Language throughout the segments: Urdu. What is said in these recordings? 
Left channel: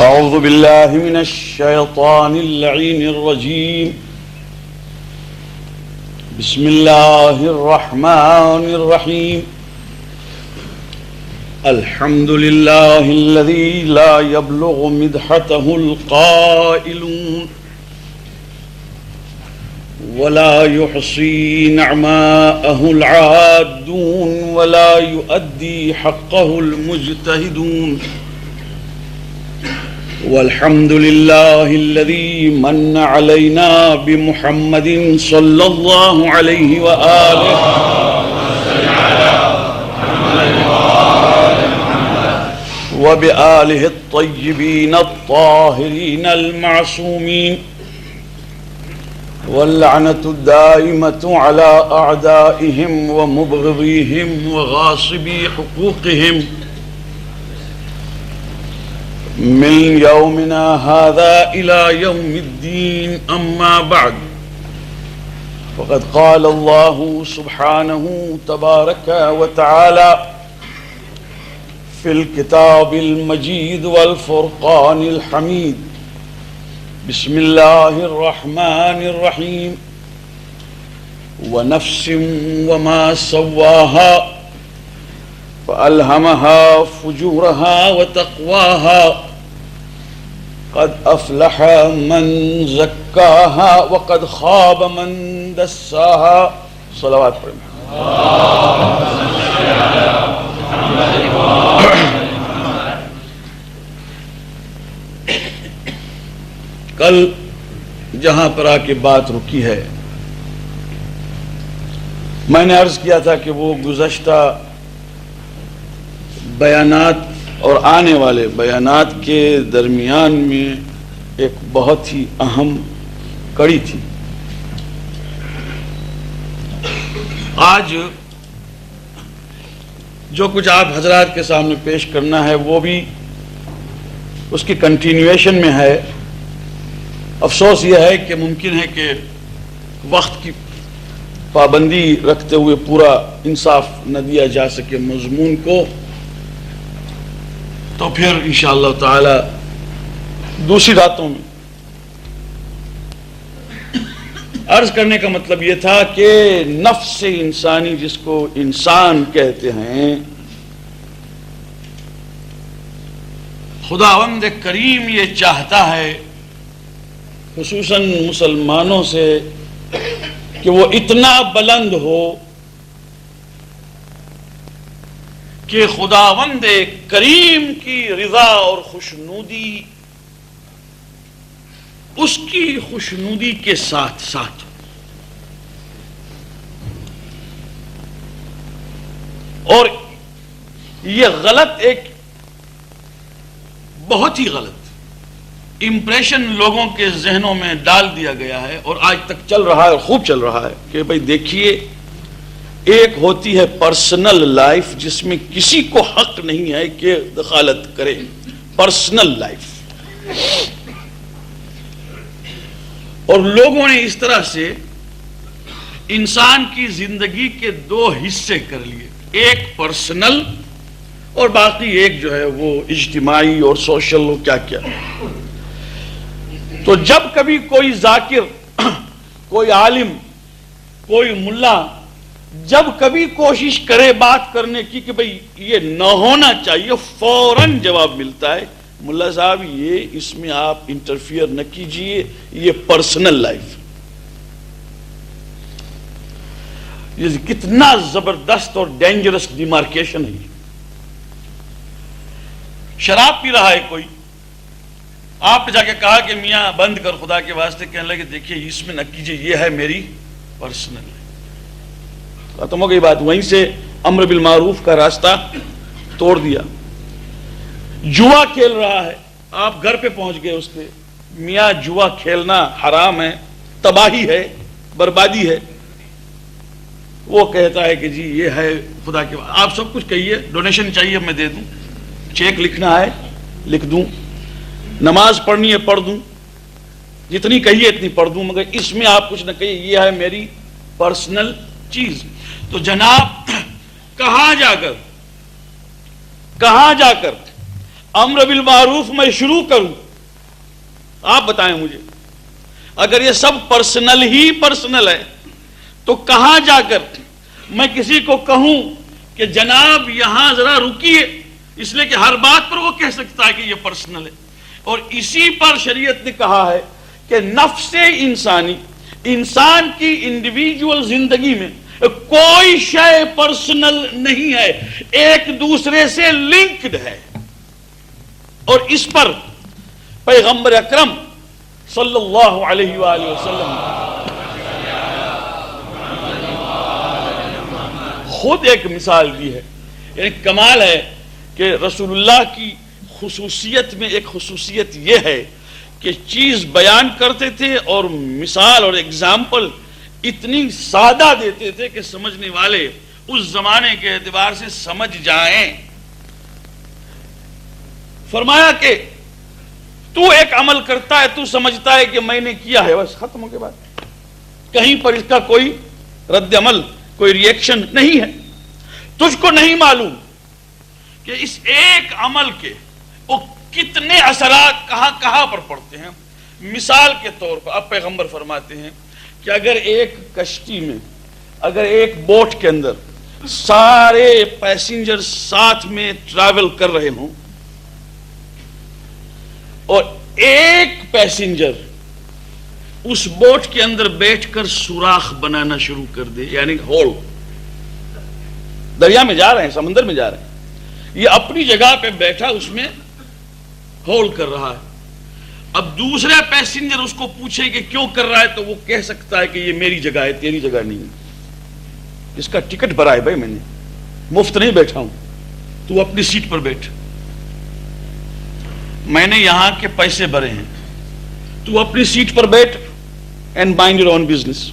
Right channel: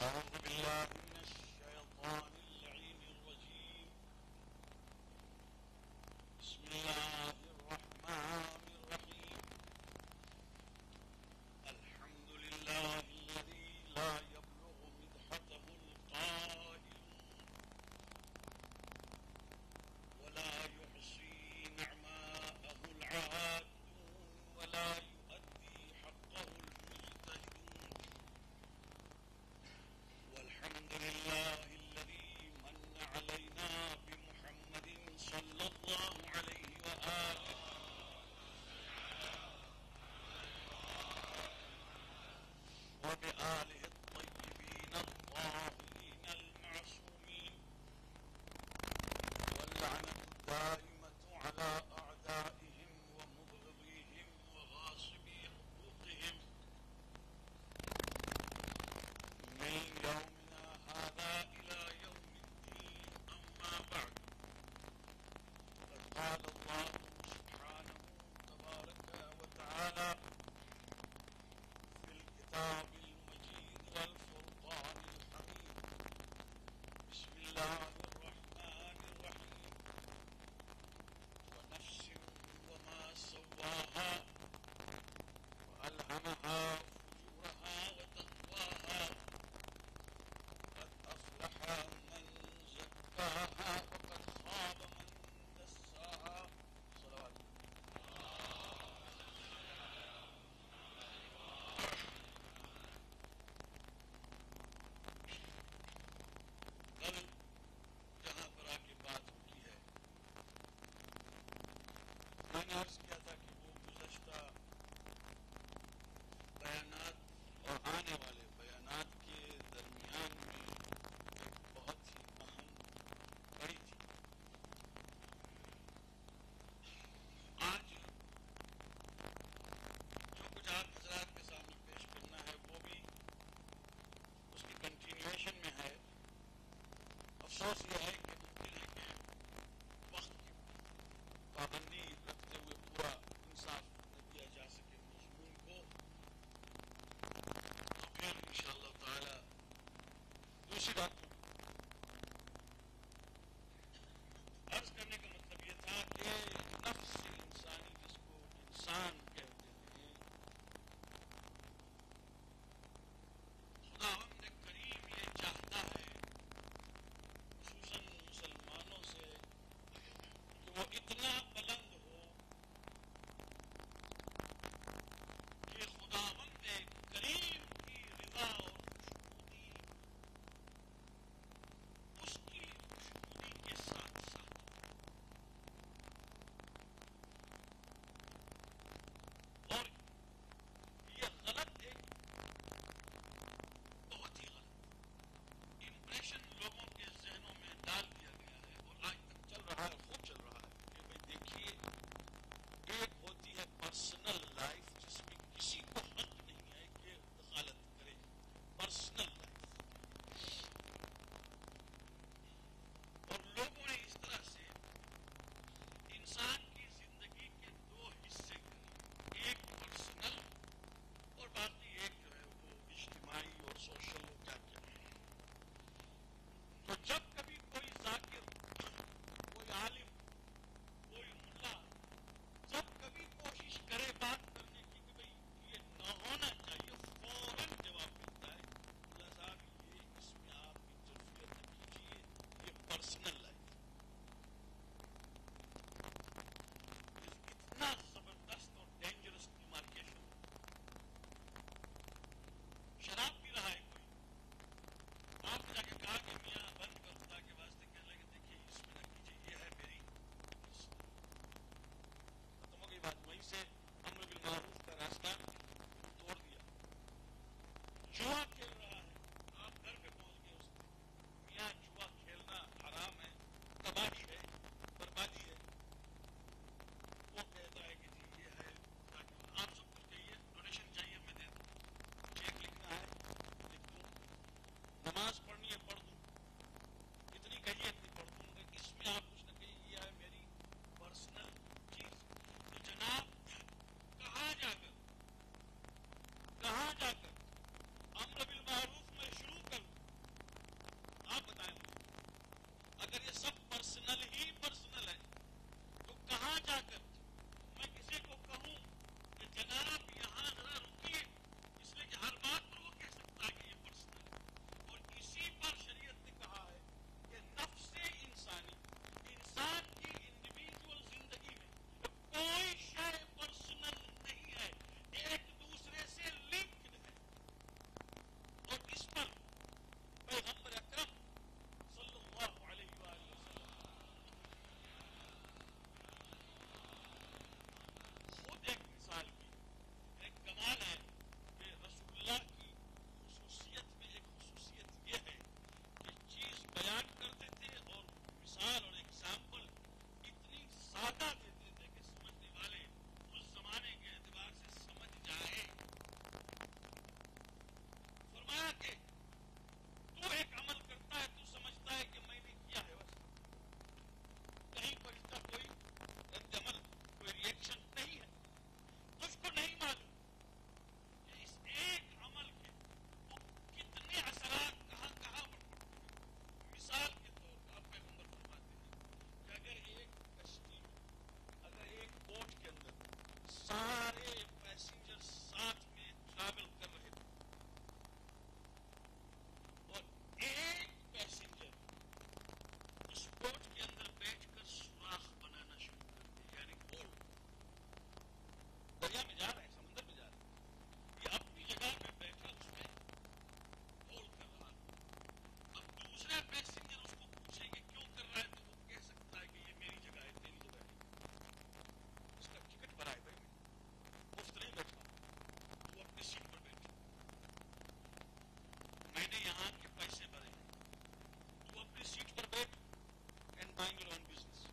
أعوذ بالله من الشيطان اللعين الرجيم. بسم الله الرحمن الرحيم. الحمد لله الذي لا يبلغ مدحته القائلون ولا يحصي نعماءه العادون ولا يؤدي حقه المجتهدون. والحمد لله الذي من علينا بمحمد صلى الله عليه وآله وبآله الطيبين الطاهرين المعصومين، واللعنة الدائمة على أعدائهم ومبغضيهم وغاصبي حقوقهم من يومنا هذا إلى يوم الدين. أما بعد، فقد قال الله سبحانه تبارك وتعالى في الكتاب المجيد والفرقان الحميد: بسم الله الرحمن الرحيم. ونفس وما سواها فألهمها فجورها وتقواها، قد أفلح من زكاها وقد خاب من دساها. صلوات پر کل جہاں پر آ کے بات رکی ہے، میں نے عرض کیا تھا کہ وہ گزشتہ بیانات اور آنے والے بیانات کے درمیان میں ایک بہت ہی اہم کڑی تھی. آج جو کچھ آپ حضرات کے سامنے پیش کرنا ہے وہ بھی اس کی کنٹینیویشن میں ہے. افسوس یہ ہے کہ ممکن ہے کہ وقت کی پابندی رکھتے ہوئے پورا انصاف نہ دیا جا سکے مضمون کو، تو پھر انشاءاللہ تعالی دوسری راتوں میں. عرض کرنے کا مطلب یہ تھا کہ نفس انسانی، جس کو انسان کہتے ہیں، خداوند کریم یہ چاہتا ہے خصوصاً مسلمانوں سے کہ وہ اتنا بلند ہو کہ خداوند کریم کی رضا اور خوشنودی اس کی خوشنودی کے ساتھ ساتھ اور یہ غلط، ایک بہت ہی غلط امپریشن لوگوں کے ذہنوں میں ڈال دیا گیا ہے اور آج تک چل رہا ہے اور خوب چل رہا ہے کہ بھئی دیکھیے، ایک ہوتی ہے پرسنل لائف جس میں کسی کو حق نہیں ہے کہ دخالت کرے، پرسنل لائف، اور لوگوں نے اس طرح سے انسان کی زندگی کے دو حصے کر لیے، ایک پرسنل اور باقی ایک جو ہے وہ اجتماعی اور سوشل کیا کیا. تو جب کبھی کوئی ذاکر، کوئی عالم، کوئی ملا جب کبھی کوشش کرے بات کرنے کی کہ بھئی یہ نہ ہونا چاہیے، فوراً جواب ملتا ہے ملا صاحب یہ اس میں آپ انٹرفیئر نہ کیجئے، یہ پرسنل لائف. یہ کتنا زبردست اور ڈینجرس ڈیمارکیشن ہے. شراب پی رہا ہے کوئی، آپ نے جا کے کہا کہ میاں بند کر خدا کے واسطے، کہنے لگے دیکھیے اس میں نہ کیجئے، یہ ہے میری پرسنل لائف. ختم ہو گئی بات. وہیں سے امر بالمعروف کا راستہ توڑ دیا. جوا کھیل رہا ہے، آپ گھر پہ پہنچ گئے اس کے، میاں جوا کھیلنا حرام ہے، تباہی ہے، بربادی ہے. وہ کہتا ہے کہ جی یہ ہے خدا کے، آپ سب کچھ کہیے، ڈونیشن چاہیے میں دے دوں، چیک لکھنا ہے لکھ دوں، نماز پڑھنی ہے پڑھ دوں، جتنی کہیے اتنی پڑھ دوں، مگر اس میں آپ کچھ نہ کہیے، یہ ہے میری پرسنل چیز. تو جناب کہاں جا کر امر بالمعروف میں شروع کروں، آپ بتائیں مجھے، اگر یہ سب پرسنل ہی پرسنل ہے تو کہاں جا کر میں کسی کو کہوں کہ جناب یہاں ذرا رکیے، اس لیے کہ ہر بات پر وہ کہہ سکتا ہے کہ یہ پرسنل ہے۔ اور اسی پر شریعت نے کہا ہے کہ نفس انسانی، انسان کی انڈیویجول زندگی میں کوئی شے پرسنل نہیں ہے، ایک دوسرے سے لنکڈ ہے۔ اور اس پر پیغمبر اکرم صلی اللہ علیہ وآلہ وسلم خود ایک مثال دی ہے۔ یعنی کمال ہے کہ رسول اللہ کی خصوصیت میں ایک خصوصیت یہ ہے کہ چیز بیان کرتے تھے اور مثال اور اگزامپل اتنی سادہ دیتے تھے کہ سمجھنے والے اس زمانے کے اعتبار سے سمجھ جائیں۔ فرمایا کہ تو ایک عمل کرتا ہے، تو سمجھتا ہے کہ میں نے کیا ہے، بس ختم ہو کے بعد کہیں پر اس کا کوئی رد عمل، کوئی ری ایکشن نہیں ہے۔ تجھ کو نہیں معلوم کہ اس ایک عمل کے وہ کتنے اثرات کہاں کہاں پر پڑتے ہیں۔ مثال کے طور پر اب پیغمبر فرماتے ہیں کہ اگر ایک کشتی میں، اگر ایک بوٹ کے اندر سارے پیسنجر ساتھ میں ٹریول کر رہے ہوں اور ایک پیسنجر اس بوٹ کے اندر بیٹھ کر سوراخ بنانا شروع کر دے، یعنی ہول، دریا میں جا رہے ہیں، سمندر میں جا رہے ہیں، یہ اپنی جگہ پہ بیٹھا اس میں ہول کر رہا ہے، اب دوسرے پیسنجر اس کو پوچھے کہ کیوں کر رہا ہے تو وہ کہہ سکتا ہے کہ یہ میری جگہ ہے، تیری جگہ نہیں ہے، اس کا ٹکٹ بھرا ہے بھائی، میں نے مفت نہیں بیٹھا ہوں، تو اپنی سیٹ پر بیٹھ، میں نے یہاں کے پیسے بھرے ہیں، تو اپنی سیٹ پر بیٹھ and mind your own business.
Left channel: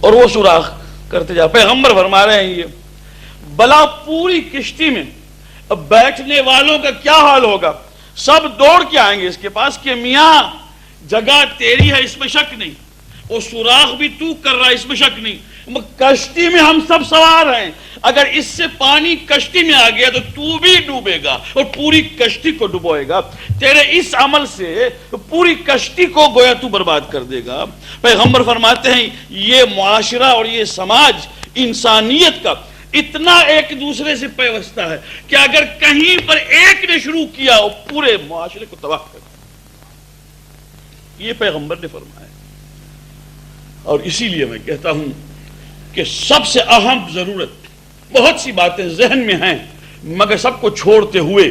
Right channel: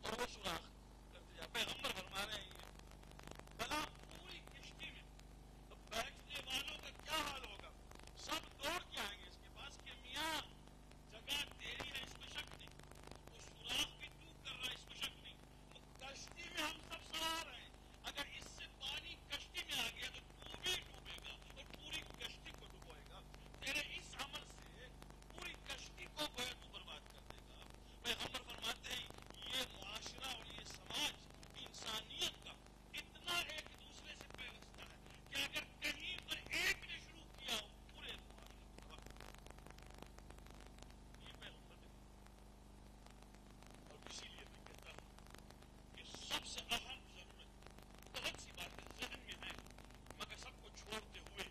اور وہ سوراخ کرتے جا۔ پیغمبر فرما رہے ہیں یہ بلا پوری کشتی میں اب بیٹھنے والوں کا کیا حال ہوگا، سب دوڑ کے آئیں گے اس کے پاس کہ میاں جگہ تیری ہے، اس میں شک نہیں، وہ سوراخ بھی تو کر رہا ہے، اس میں شک نہیں، کشتی میں ہم سب سوار ہیں، اگر اس سے پانی کشتی میں آ گیا تو بھی ڈوبے گا اور پوری کشتی کو ڈبوئے گا، تیرے اس عمل سے پوری کشتی کو گویا تو برباد کر دے گا۔ پیغمبر فرماتے ہیں یہ معاشرہ اور یہ سماج انسانیت کا اتنا ایک دوسرے سے پیوستہ ہے کہ اگر کہیں پر ایک نے شروع کیا وہ پورے معاشرے کو تباہ کر دے، یہ پیغمبر نے فرمایا۔ اور اسی لیے میں کہتا ہوں کہ سب سے اہم ضرورت، بہت سی باتیں ذہن میں ہیں مگر سب کو چھوڑتے ہوئے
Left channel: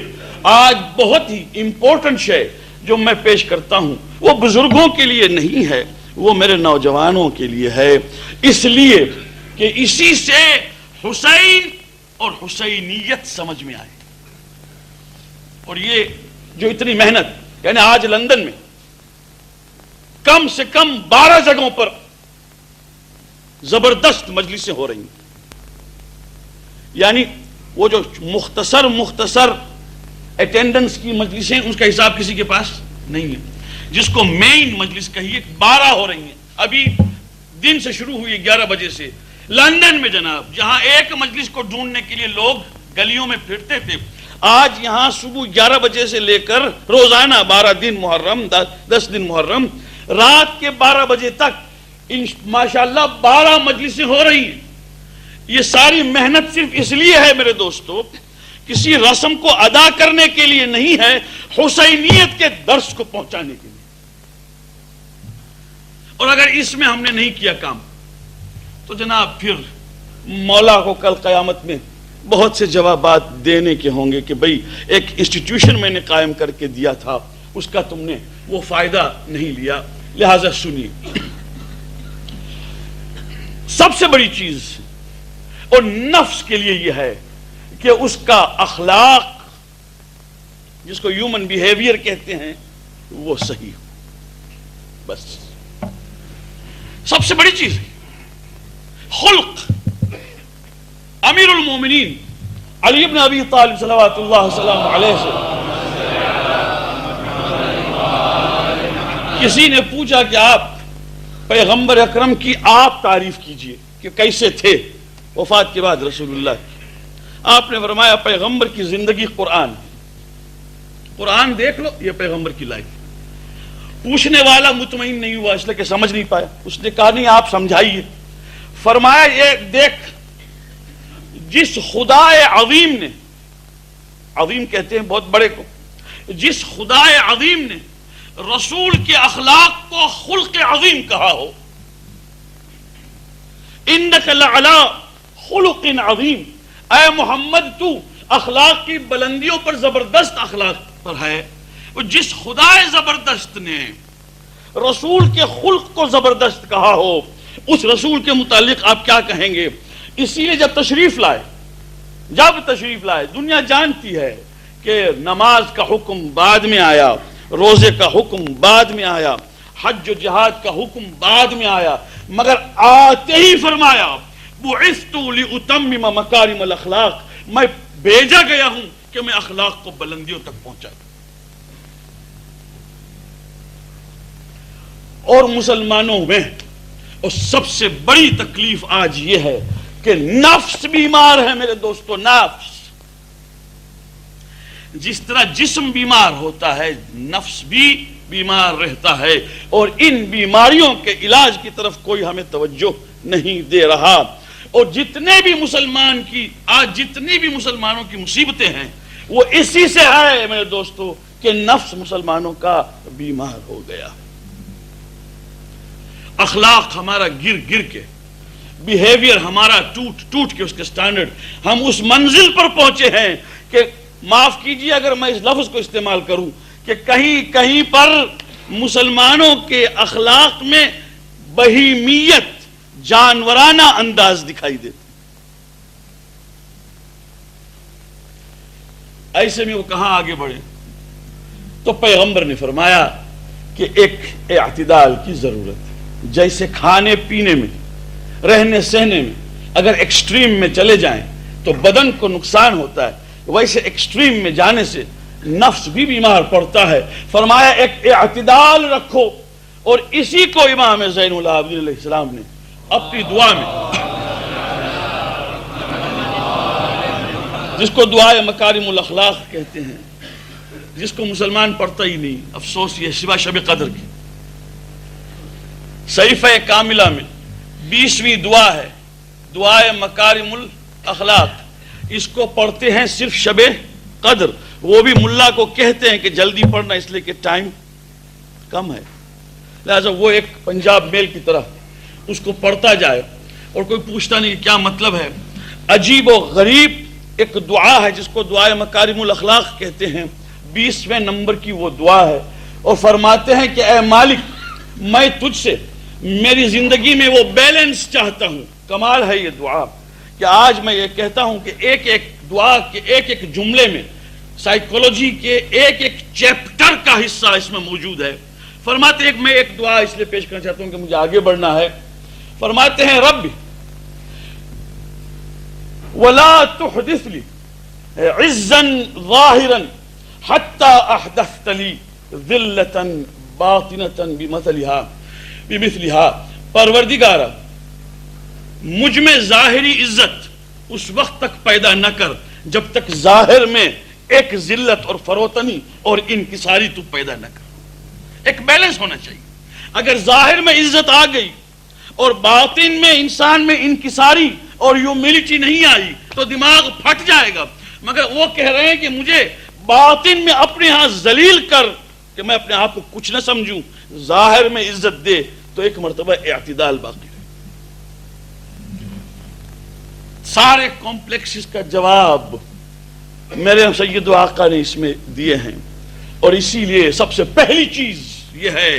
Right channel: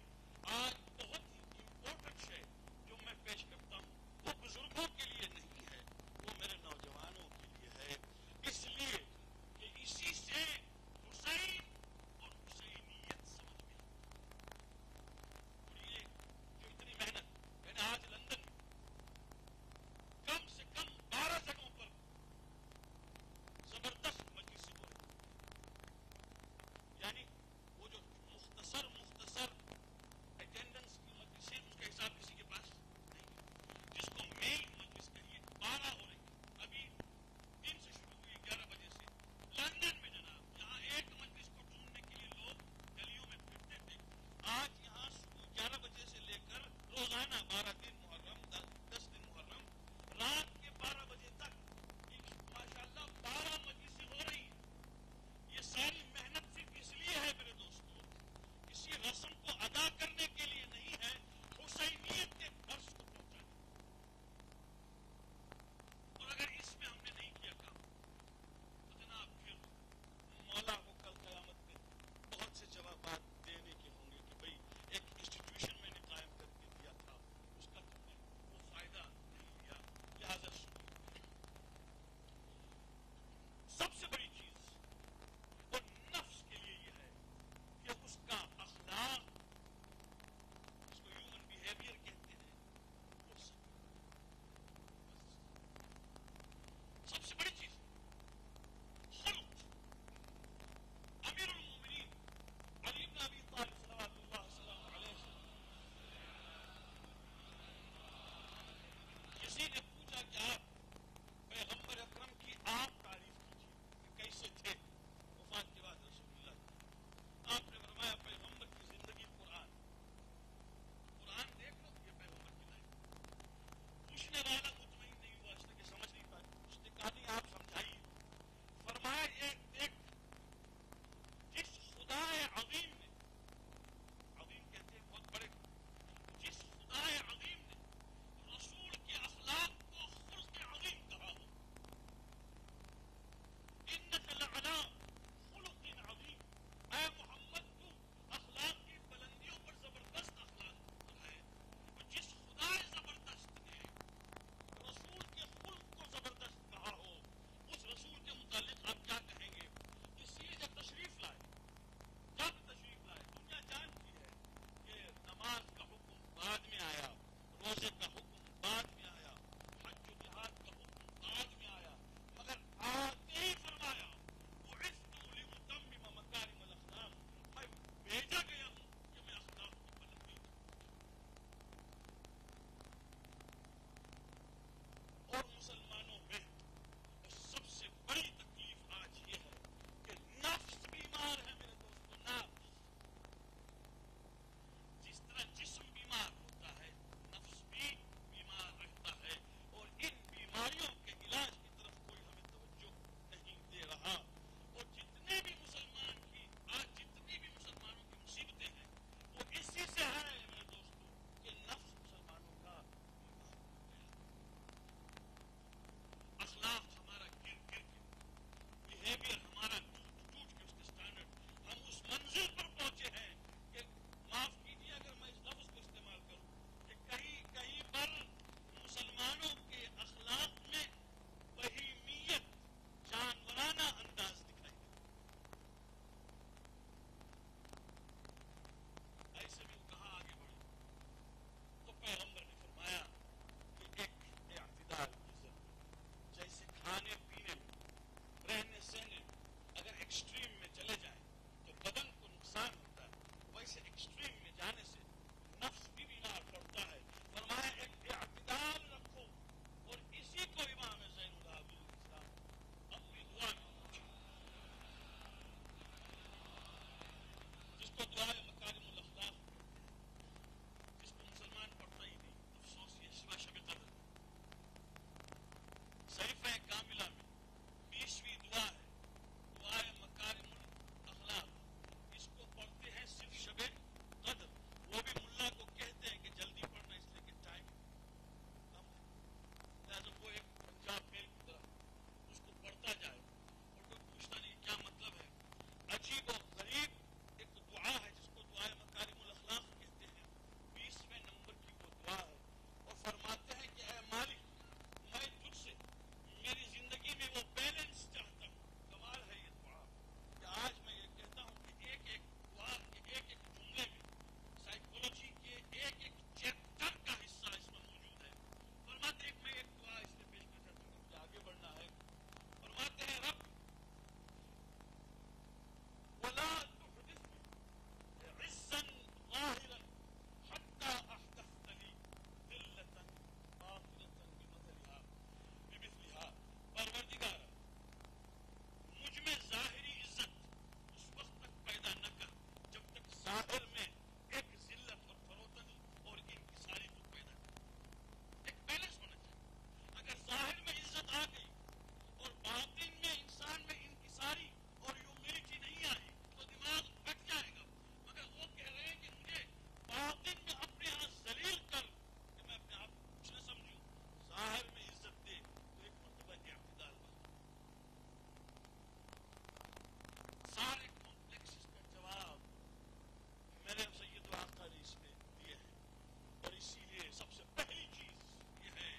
آج بہت ہی امپورٹنٹ شے جو میں پیش کرتا ہوں وہ بزرگوں کے لیے نہیں ہے، وہ میرے نوجوانوں کے لیے ہے، اس لیے کہ اسی سے حسین اور حسینیت سمجھ میں آئے۔ اور یہ جو اتنی محنت، یعنی آج لندن میں کم سے کم 12 جگہوں پر زبردست مجلسیں ہو رہی ہیں، یعنی وہ جو مختصر اٹینڈنس کی مجلسیں اس کا حساب کسی کے پاس نہیں ہے، جس کو مین مجلس کہیے 12 ہو رہی ہیں، ابھی دن سے شروع ہوئی 11 بجے سے لندن میں جناب، جہاں ایک مجلس کو ڈھونڈنے کے لیے لوگ گلیوں میں پھرتے تھے، آج یہاں صبح 11 بجے سے لے کر روزانہ 12 دن محرم، 10 دن محرم، رات کے 12 بجے تک ماشاءاللہ 12 مجلسیں ہو رہی ہیں۔ یہ ساری محنت صرف اس لیے ہے میرے دوستو، کسی رسم کو ادا کرنے کے لیے نہیں ہے، حسینیت کے درس کو پہنچانے کے لیے۔ اور اگر اس میں ہم نے نہیں کیا کام تو جناب پھر مولا کو کل قیامت میں بہت سے جوابات دینے کے ہوں گے کہ بھئی ایک انسٹیٹیوشن میں نے قائم کر کے دیا تھا، اس کا تم نے وہ فائدہ نہیں لیا۔ لہذا سنیے، سب سے بڑی چیز اور نفس کے لیے یہ ہے کہ اس کا اخلاق، جس کو ہیومن بیہیویئر کہتے ہیں، وہ صحیح ہو، بس سب سے بڑی چیز ہے خلق۔ امیر المومنین علی بن ابی طالب صلوات اللہ وسلم علیہ سے کسی نے پوچھا کہ آپ پیغمبر اکرم کی آپ تعریف کیجئے کہ کیسے تھے وفات کے بعد رسول اللہ کی۔ آپ نے فرمایا پیغمبر کی زندگی قرآن، قرآن دیکھ لو، یہ پیغمبر کی لائف۔ پوچھنے والا مطمئن نہیں ہوا، اس لیے کہ سمجھ نہیں پایا۔ اس نے کہا نہیں آپ سمجھائیے۔ فرمایا یہ دیکھ، جس خدا عظیم نے، عظیم کہتے ہیں بہت بڑے کو، جس خدا عظیم نے رسول کے اخلاق کو خلق عظیم کہا ہو، انک لعلی خلق عظیم، اے محمد تو اخلاق کی بلندیوں پر زبردست اخلاق پر ہے۔ جس خدا زبردست نے رسول کے خلق کو زبردست کہا ہو، اس رسول کے متعلق آپ کیا کہیں گے؟ اسی لیے جب تشریف لائے، دنیا جانتی ہے کہ نماز کا حکم بعد میں آیا، روزے کا حکم بعد میں آیا، حج و جہاد کا حکم بعد میں آیا، مگر آتے ہی فرمایا بعثت لأتمم مکارم الاخلاق، میں بھیجا گیا ہوں کہ میں اخلاق کو بلندیوں تک پہنچا۔ اور مسلمانوں میں اور سب سے بڑی تکلیف آج یہ ہے کہ نفس بیمار ہے میرے دوستو، نفس۔ جس طرح جسم بیمار ہوتا ہے، نفس بھی بیمار رہتا ہے، اور ان بیماریوں کے علاج کی طرف کوئی ہمیں توجہ نہیں دے رہا۔ اور جتنے بھی مسلمانوں کی مصیبتیں ہیں وہ اسی سے ہے میرے دوستو کہ نفس مسلمانوں کا بیمار ہو گیا۔ اخلاق ہمارا گر کے، بیہیویئر ہمارا ٹوٹ کے، اس کے سٹینڈرڈ، ہم اس منزل پر پہنچے ہیں کہ معاف کیجیے اگر میں اس لفظ کو استعمال کروں کہ کہیں پر مسلمانوں کے اخلاق میں بہیمیت، جانورانہ انداز دکھائی دیتا۔ ایسے میں وہ کہاں آگے بڑھے؟ تو پیغمبر نے فرمایا کہ ایک اعتدال کی ضرورت ہے۔ جیسے کھانے پینے میں، رہنے سہنے میں اگر ایکسٹریم میں چلے جائیں تو بدن کو نقصان ہوتا ہے، ویسے ایکسٹریم میں جانے سے نفس بھی بیمار پڑتا ہے۔ فرمایا ایک اعتدال رکھو، اور اسی کو امام زین العابدین علیہ السلام نے اپنی دعا میں، جس کو دعائے مکارم الاخلاق کہتے ہیں، جس کو مسلمان پڑھتا ہی نہیں، افسوس یہ سوا شب قدر کی، صحیفہ کاملہ میں 20ویں دعا ہے، دعائے مکارم الاخلاق۔ اس کو پڑھتے ہیں صرف شب قدر، وہ بھی ملا کو کہتے ہیں کہ جلدی پڑھنا اس لیے کہ ٹائم کم ہے، لہذا وہ ایک پنجاب میل کی طرح اس کو پڑھتا جائے اور کوئی پوچھتا نہیں کیا مطلب ہے۔ عجیب و غریب ایک دعا ہے جس کو دعائے مکارم الاخلاق کہتے ہیں، 20ویں نمبر کی وہ دعا ہے، اور فرماتے ہیں کہ اے مالک، میں تجھ سے میری زندگی میں وہ بیلنس چاہتا ہوں۔ کمال ہے یہ دعا کہ آج میں یہ کہتا ہوں کہ ایک ایک دعا کے ایک ایک جملے میں سائیکولوجی کے ایک ایک چیپٹر کا حصہ اس میں موجود ہے۔ فرماتے ہیں میں ایک دعا اس لیے پیش کرنا چاہتا ہوں کہ مجھے آگے بڑھنا ہے۔ فرماتے ہیں رب ولا تحدث لی عزا ظاہرا حتی احدثت لی ذلتا باطنتا بمثلها، پروردگارا مجھ میں ظاہری عزت اس وقت تک پیدا نہ کر جب تک ظاہر میں ایک ذلت اور فروتنی اور انکساری تو پیدا نہ کر۔ ایک بیلنس ہونا چاہیے۔ اگر ظاہر میں عزت آ گئی اور باطن میں انسان میں انکساری اور ہیوملٹی نہیں آئی تو دماغ پھٹ جائے گا۔ مگر وہ کہہ رہے ہیں کہ مجھے باطن میں اپنے ہاں ذلیل کر کہ میں اپنے آپ کو کچھ نہ سمجھوں، ظاہر میں عزت دے، تو ایک مرتبہ اعتدال باقی ہے۔ سارے کمپلیکسز کا جواب میرے سید و آقا نے اس میں دیے ہیں، اور اسی لیے سب سے پہلی چیز یہ ہے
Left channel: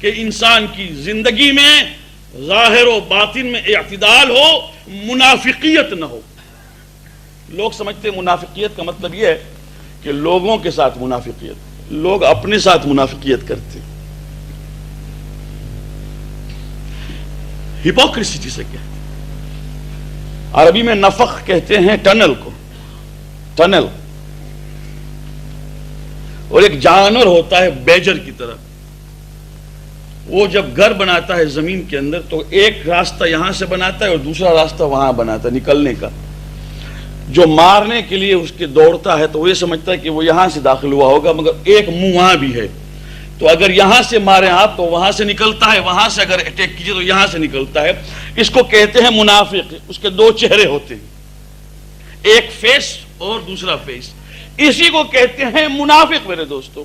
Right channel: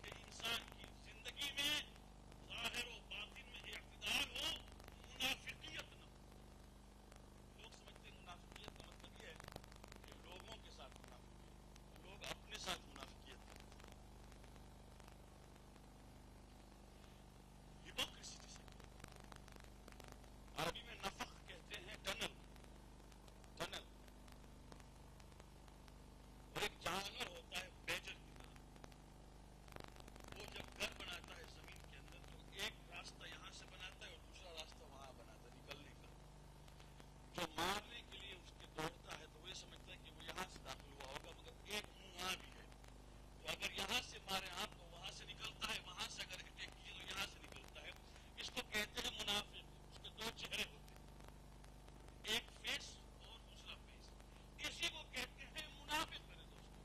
کہ انسان کی زندگی میں ظاہر و باطن میں اعتدال ہو، منافقیت نہ ہو۔ لوگ سمجھتے ہیں منافقیت کا مطلب یہ ہے کہ لوگوں کے ساتھ منافقیت، لوگ اپنے ساتھ منافقیت کرتے ہیں۔ ہپوکریسی جسے کہتے ہیں، عربی میں نفخ کہتے ہیں ٹنل کو، ٹنل، اور ایک جانور ہوتا ہے بیجر کی طرح، وہ جب گھر بناتا ہے زمین کے اندر تو ایک راستہ یہاں سے بناتا ہے اور دوسرا راستہ وہاں بناتا ہے نکلنے کا۔ جو مارنے کے لیے اس کے دوڑتا ہے تو وہ یہ سمجھتا ہے کہ وہ یہاں سے داخل ہوا ہوگا، مگر ایک منہ وہاں بھی ہے، تو اگر یہاں سے ماریں آپ تو وہاں سے نکلتا ہے، وہاں سے اگر اٹیک کیجئے تو یہاں سے نکلتا ہے۔ اس کو کہتے ہیں منافق، اس کے دو چہرے ہوتے ہیں، ایک فیس اور دوسرا فیس، اسی کو کہتے ہیں منافق میرے دوستو،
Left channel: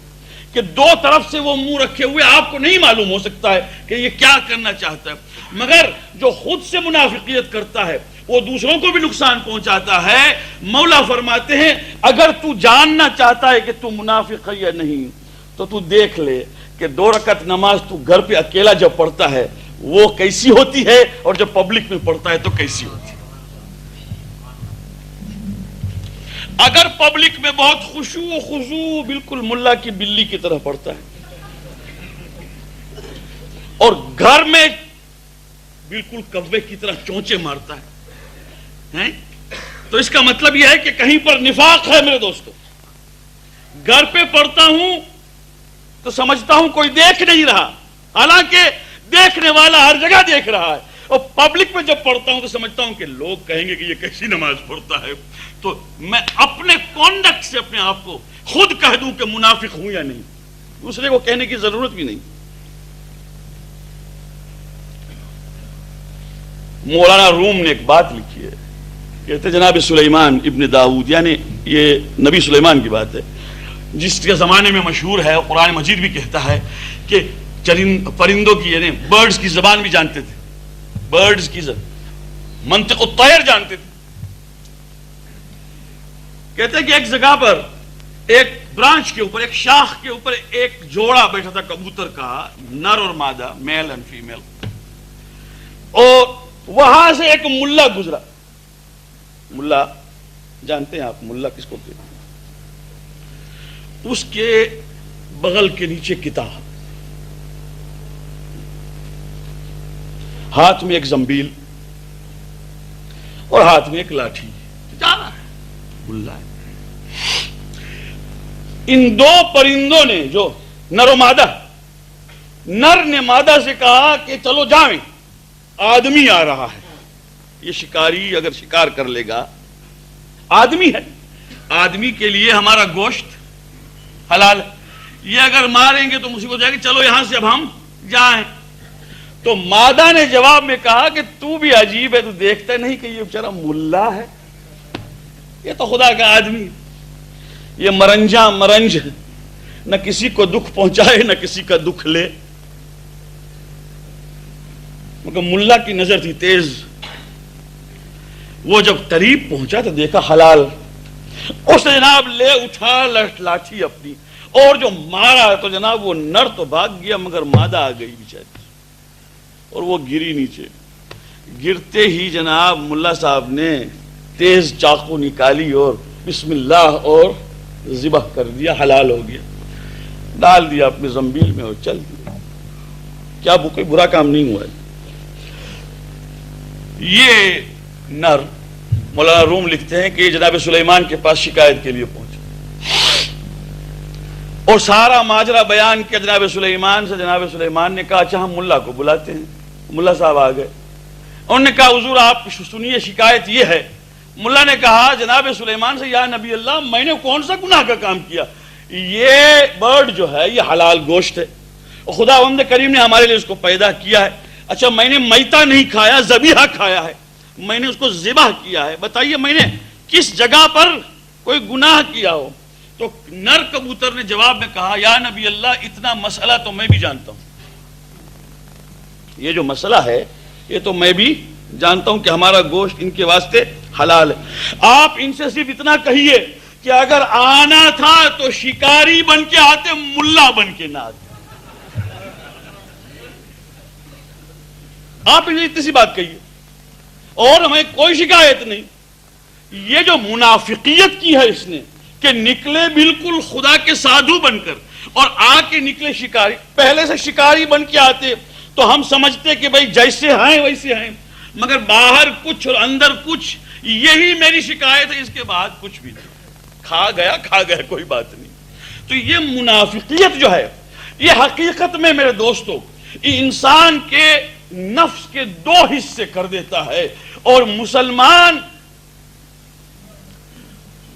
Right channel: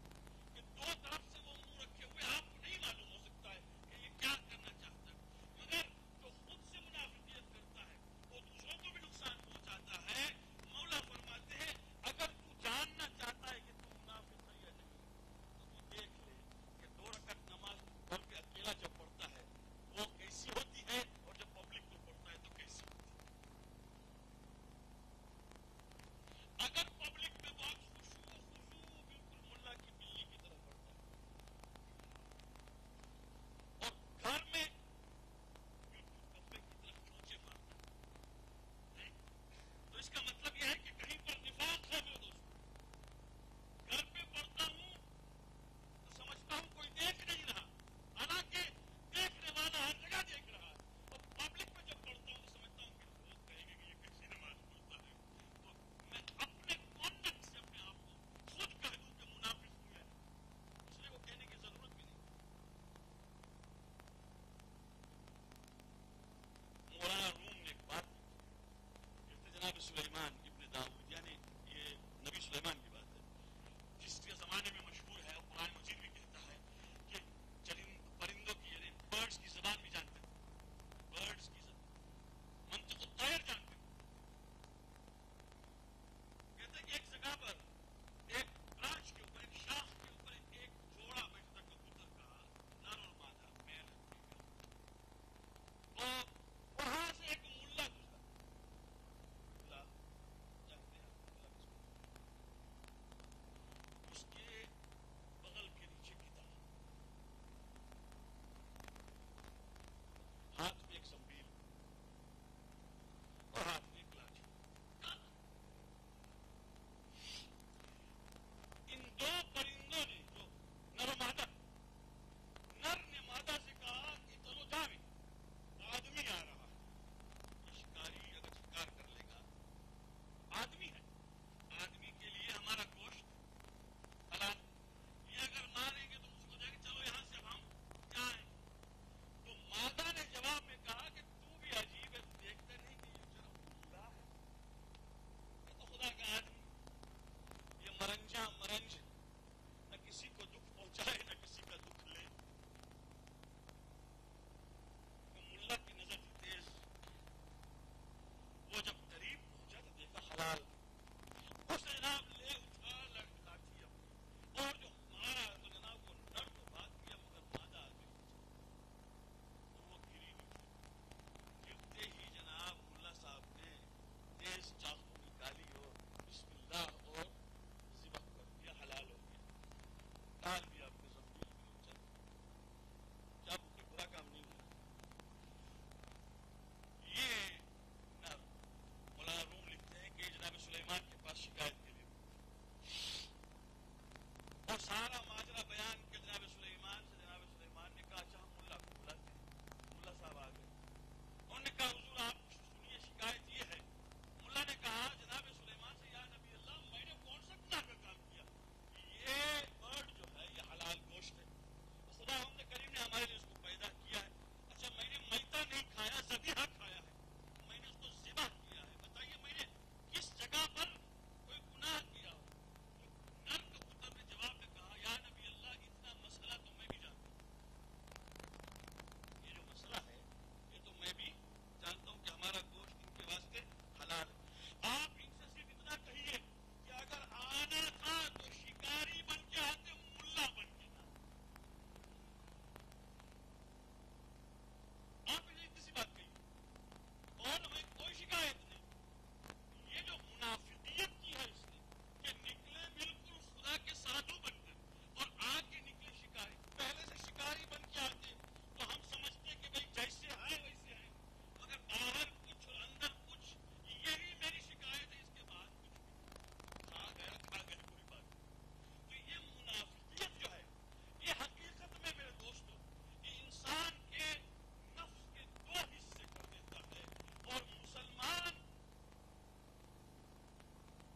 کہ دو طرف سے وہ منہ رکھے ہوئے، آپ کو نہیں معلوم ہو سکتا ہے کہ یہ کیا کرنا چاہتا ہے، مگر جو خود سے منافقیت کرتا ہے وہ دوسروں کو بھی نقصان پہنچاتا ہے۔ مولا فرماتے ہیں اگر تو جاننا چاہتا ہے کہ تو منافق ہے یا نہیں تو تو دیکھ لے کہ 2 رکعت نماز تو گھر پہ اکیلا جب پڑھتا ہے وہ کیسی ہوتی ہے، اور جب پبلک میں پڑھتا ہے تو کیسی ہوتی ہے۔ اگر پبلک میں بہت خشوع و خضوع بالکل ملا کی بلی کی طرح پڑھتا ہے، اور گھر میں بالکل کوے کی طرح چونچے مارتا ہے، تو اس کا مطلب یہ ہے کہ کہیں پر نفاق ہے میرے دوستو۔ گھر پہ پڑھتا ہوں تو سمجھتا ہوں کوئی دیکھ نہیں رہا، حالانکہ دیکھنے والا ہر جگہ دیکھ رہا ہے، اور پبلک میں جب پڑھتا ہوں تو سمجھتا ہوں کہ لوگ کہیں گے کہ یہ کیسی نماز پڑھتا ہے، تو میں اپنے کانڈکٹ سے اپنے آپ کو خود کہہ دوں کہ منافق ہوں یا نہیں، دوسرے کو کہنے کی ضرورت بھی نہیں۔ مولانا روم نے ایک بات لکھی ہے، کہتے جناب سلیمان ابن داؤد، یعنی یہ نبی سلیمان کی بات ہے، جس کے زمانے میں مشہور ہے، قرآن مجید بھی کہتا ہے کہ پرندوں کی یعنی برڈز کی زبان بھی جانتے تھے، برڈز کی منطق الطیر جانتے تھے۔ کہتے ہیں کہ ایک جگہ پر ایک برانچ کے اوپر، ایک شاخ کے اوپر ایک جوڑا بیٹھا تھا کبوتر کا، نر اور مادہ، میل اینڈ فیمیل، اور وہاں سے ایک ملا گزرا۔ ملا جانتے ہیں آپ ملا کس کو کہتے ہیں؟ اس کے بغل کے نیچے کتاب، ہاتھ میں ایک زنبیل اور ہاتھ میں ایک لاٹھی، جا رہا ہے ملا ہے۔ ان دو پرندوں نے، جو نر و مادہ، نر نے مادہ سے کہا کہ چلو جائیں، آدمی آ رہا ہے، یہ شکاری اگر شکار کر لے گا، آدمی ہے، آدمی کے لیے ہمارا گوشت حلال ہے، یہ اگر ماریں گے تو مصیبت ہو جائے گی، چلو یہاں سے اب ہم جائیں۔ تو مادہ نے جواب میں کہا کہ تو بھی عجیب ہے، تو دیکھتا نہیں کہ یہ بیچارہ ملا ہے، یہ تو خدا کا آدمی ہے، یہ مرنجا مرنج، نہ کسی کو دکھ پہنچائے نہ کسی کا دکھ لے، مگر ملا کی نظر تھی تیز، وہ جب قریب پہنچا تو دیکھا حلال، اس نے جناب لے اٹھا لاٹھی اپنی، اور جو مارا تو جناب وہ نر تو بھاگ گیا مگر مادہ آ گئی بیچاری، اور وہ گری نیچے۔ گرتے ہی جناب ملا صاحب نے تیز چاقو نکالی اور بسم اللہ اور ذبح کر دیا، حلال ہو گیا، ڈال دیا اپنے زنبیل میں اور چل دیا۔ کیا کوئی برا کام نہیں ہوا ہے؟ یہ نر، مولانا روم لکھتے ہیں کہ جناب سلیمان کے پاس شکایت کے لیے پہنچا اور سارا ماجرا بیان کیا جناب سلیمان سے۔ جناب سلیمان نے کہا اچھا ہم ملا کو بلاتے ہیں۔ ملا صاحب آ گئے، انہوں نے کہا حضور آپ سنیے، شکایت یہ ہے۔ ملا نے کہا جناب سلیمان سے، یا نبی اللہ میں نے کون سا گناہ کا کام کیا، یہ برڈ جو ہے یہ حلال گوشت ہے، خدا بند کریم نے ہمارے لیے اس کو پیدا کیا ہے، اچھا میں نے میتا نہیں کھایا، ذبیحہ کھایا ہے، میں نے اس کو ذبح کیا ہے، بتائیے میں نے کس جگہ پر کوئی گناہ کیا ہو؟ تو نر کبوتر نے جواب میں کہا یا نبی اللہ اتنا مسئلہ تو میں بھی جانتا ہوں، یہ جو مسئلہ ہے یہ تو میں بھی جانتا ہوں کہ ہمارا گوشت ان کے واسطے حلال ہے، آپ ان سے صرف اتنا کہیے کہ اگر آنا تھا تو شکاری بن کے آتے، ملا بن کے نہ آتے۔ آپ انہیں اتنی سی بات کہیے اور ہمیں کوئی شکایت نہیں۔ یہ جو منافقیت کی ہے اس نے کہ نکلے بالکل خدا کے سادھو بن کر اور آ کے نکلے شکاری، پہلے سے شکاری بن کے آتے تو ہم سمجھتے کہ بھائی جیسے ہیں ویسے ہیں، مگر باہر کچھ اور اندر کچھ، یہی میری شکایت ہے، اس کے بعد کچھ بھی نہیں، کھا گیا کوئی بات نہیں۔ تو یہ منافقیت جو ہے یہ حقیقت میں میرے دوستو انسان کے نفس کے دو حصے کر دیتا ہے، اور مسلمان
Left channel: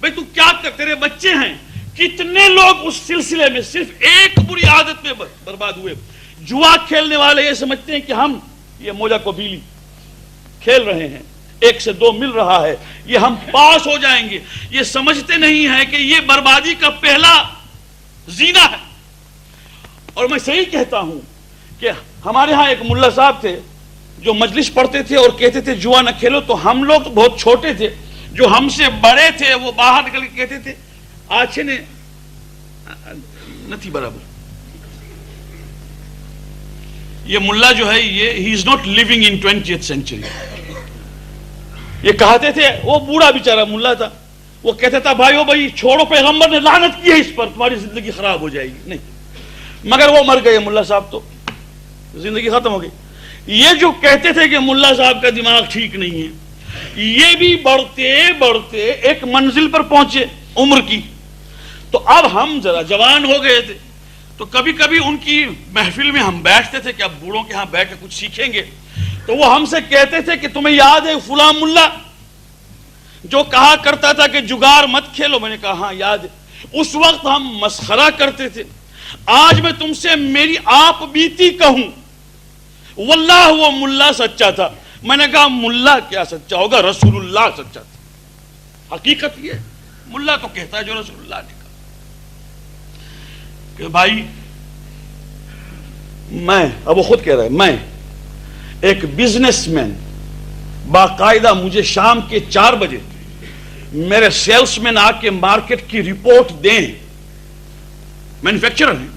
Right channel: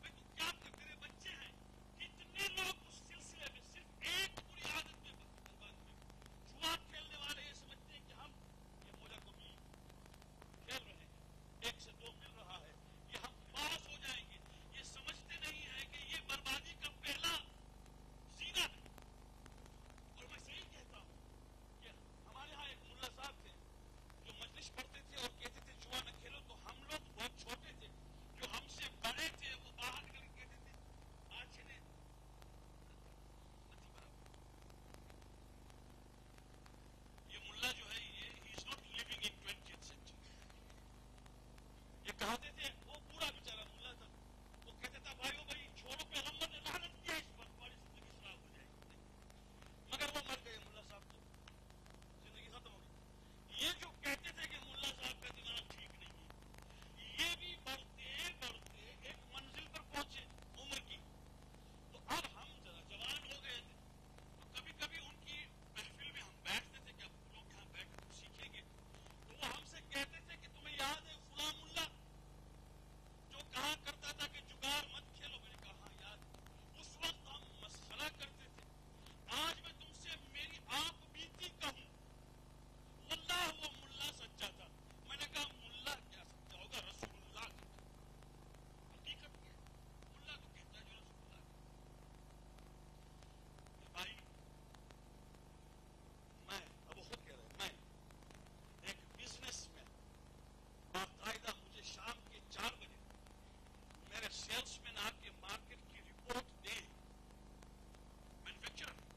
بھئی تو کیا کر، تیرے بچے ہیں، کتنے لوگ اس سلسلے میں صرف ایک بری عادت میں برباد ہوئے. جوا کھیلنے والے یہ سمجھتے ہیں کہ ہم یہ موجا کو بیلی کھیل رہے ہیں، 1 سے 2 مل رہا ہے، یہ ہم پاس ہو جائیں گے. یہ سمجھتے نہیں ہیں کہ یہ بربادی کا پہلا زینہ ہے. اور میں صحیح کہتا ہوں کہ ہمارے ہاں ایک ملا صاحب تھے جو مجلس پڑھتے تھے اور کہتے تھے جوا نہ کھیلو. تو ہم لوگ تو بہت چھوٹے تھے، جو ہم سے بڑے تھے وہ باہر نکل کے کہتے تھے آچھے نے نتھی برابر. یہ ملا جو ہے یہ ہی is not living in 20th century. یہ کہتے تھے، وہ بوڑھا بیچارہ ملا تھا، وہ کہتا تھا بھائیو بھائی چھوڑو، پیغمبر نے لعنت کی ہے اس پر، تمہاری زندگی خراب ہو جائے گی. نہیں، مگر وہ مر گئے ملا صاحب، تو زندگی ختم ہو گئی. یہ جو کہتے تھے کہ ملا صاحب کا دماغ ٹھیک نہیں ہے، یہ بھی بڑھتے بڑھتے ایک منزل پر پہنچے عمر کی. تو اب ہم ذرا جوان ہو گئے تھے، تو کبھی کبھی ان کی محفل میں ہم بیٹھتے تھے کہ اب بوڑھوں کے ہاں بیٹھ کے کچھ سیکھیں گے. تو وہ ہم سے کہتے تھے کہ تمہیں یاد ہے فلاں ملا جو کہا کرتا تھا کہ جگار مت کھیلو؟ میں نے کہا ہاں یاد ہے. اس وقت ہم مسخرہ کرتے تھے. آج میں تم سے میری آپ بیتی کہوں، واللہ وہ ملا سچا تھا. میں نے کہا ملا کیا سچا ہوگا، رسول اللہ سچا تھا. حقیقت یہ ملا تو کہتا ہے جو رسول اللہ نے کہا کہ بھائی میں، اب وہ خود کہہ رہا ہے، میں ایک بزنس مین، باقاعدہ مجھے شام کے 4 بجے میرے سیلس مین آ کے مارکیٹ کی رپورٹ دیں. مینوفیکچرر ہیں،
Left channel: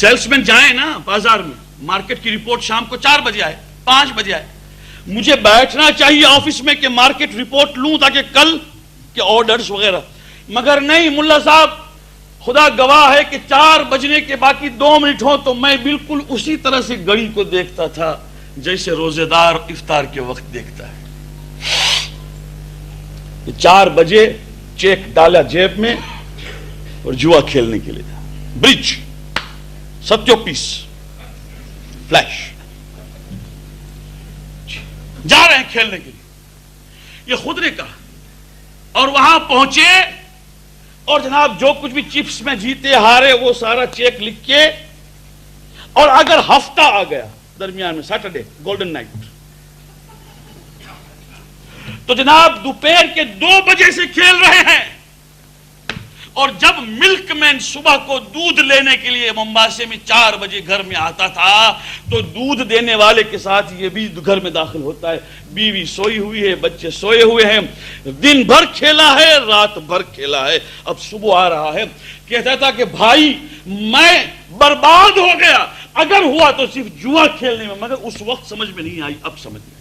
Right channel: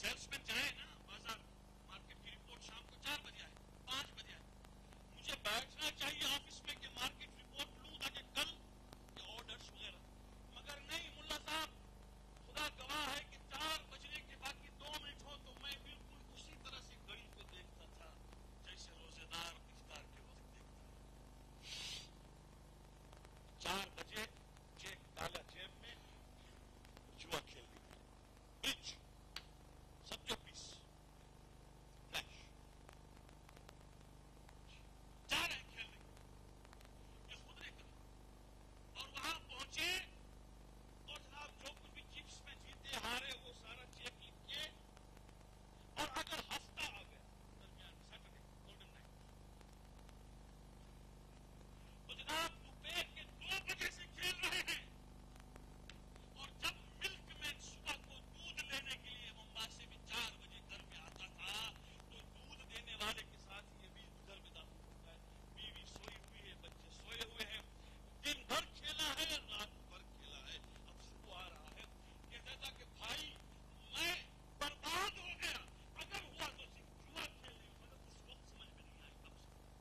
سیلس مین جائیں نا بازار میں، مارکیٹ کی رپورٹ شام کو 4 بجے آئے، 5 بجے آئے. مجھے بیٹھنا چاہیے آفس میں کہ مارکیٹ رپورٹ لوں تاکہ کل کے آرڈرز وغیرہ. مگر نہیں، ملا صاحب خدا گواہ ہے کہ 4 بجنے کے باقی 2 منٹ ہوں تو میں بالکل اسی طرح سے گھڑی کو دیکھتا تھا جیسے روزے دار افطار کے وقت دیکھتا ہے. 4 بجے چیک ڈالا جیب میں اور جوا کھیلنے کے لیے تھا. برج، ستیو پیس، فلیش، جا رہے ہیں کھیلنے کے لیے. یہ خود نے کہا. اور وہاں پہنچے اور جناب جو کچھ بھی چپس میں جیتے ہارے وہ سارا چیک لکھ کے، اور اگر ہفتہ آ گیا درمیان میں، سیٹرڈے گولڈن نائٹ، تو جناب دوپہر کے 2 بجے سے کھیل رہے ہیں. اور جب ملک مین صبح کو دودھ لینے کے لیے ممباسے میں 4 بجے گھر میں آتا تھا تو دودھ دینے والے کے ساتھ یہ بھی گھر میں داخل ہوتا ہے. بیوی سوئی ہوئی ہے، بچے سوئے ہوئے ہیں، دن بھر کھیلا ہے، رات بھر کھیلا ہے، اب صبح آ رہا ہے. کہتا تھا کہ بھائی میں برباد ہو گیا، اگر ہوا تو صرف جوا کھیلنے میں. مگر اس وقت سمجھ میں نہیں آئی، اب سمجھ میں.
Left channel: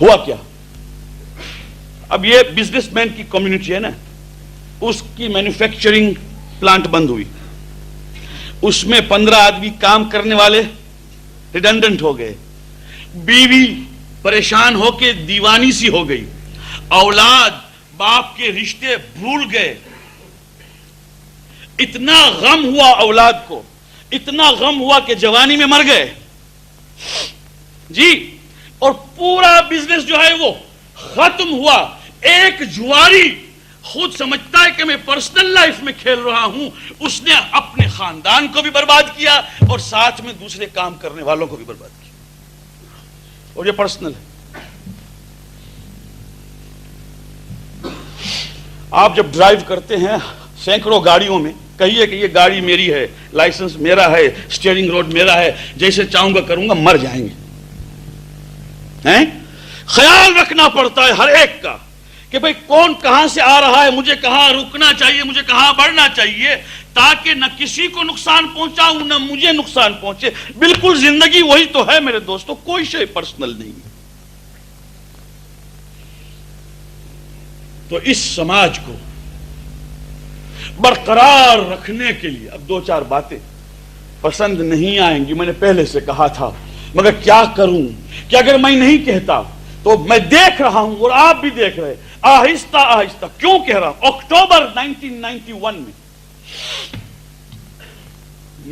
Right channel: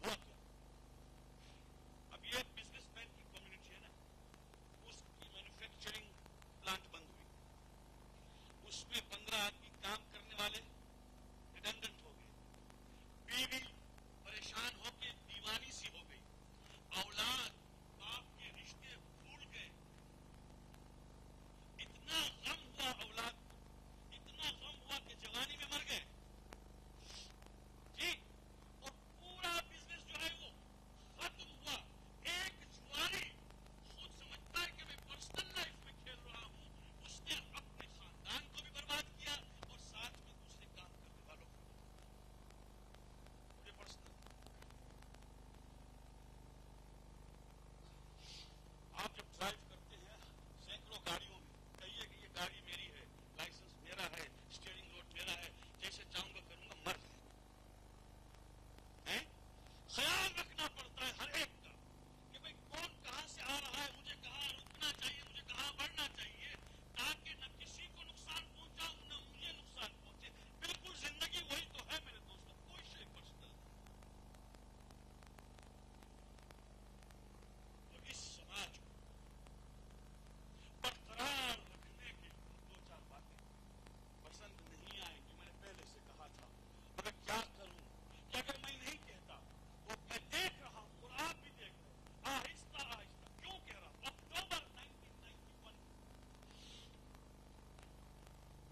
ہوا کیا؟ اب یہ بزنس مین کی کمیونٹی ہے نا، اس کی مینوفیکچرنگ پلانٹ بند ہوئی، اس میں 15 آدمی کام کرنے والے ریڈنڈنٹ ہو گئے، بیوی پریشان ہو کے دیوانی سی ہو گئی، اولاد باپ کے رشتے بھول گئے. اتنا غم ہوا اولاد کو، اتنا غم ہوا کہ جوانی میں مر گئے جی. اور پورا بزنس جو ہے وہ ختم ہوا. ایک جواری خود سمجھتا ہے کہ میں پرسنل لائف میں کھیل رہا ہوں، اس نے اپنے خاندان کو بھی برباد کیا اور ساتھ میں دوسرے کام کرنے والوں کو بھی برباد کیا. اور یہ پرسنل ہے. آپ جب ڈرائیو کرتے ہیں سینکڑوں گاڑیوں میں، کہیے کہ یہ گاڑی میری ہے، لائسنس میرا ہے، اسٹیئرنگ روڈ میرا ہے، جیسے چاہوں گا کروں گا، مر جائیں گے. خیال رکھنا پڑتا ہے ہر ایک کا کہ بھئی کون کہاں سے آ رہا ہے، مجھے کہاں رکنا چاہیے، مجھے کہاں بڑھنا چاہیے، تاکہ نہ کسی کو نقصان پہنچاؤں نہ مجھے نقصان پہنچے. بالکل زندگی وہی تو ہے میرے دوستو، کوئی شے پرسنل نہیں. تو اس سماج کو برقرار رکھنے کے لیے اب 2-4 باتیں پسند نہیں آئیں گی، میں نے پہلے سے کہا تھا، مگر کیا کروں کہ اگر میں نہیں کہتا تو میں دیکھ رہا ہوں اور آپ بھی دیکھ رہے، آہستہ آہستہ. کیوں کہہ رہا ہوں؟ اکتوبر 1991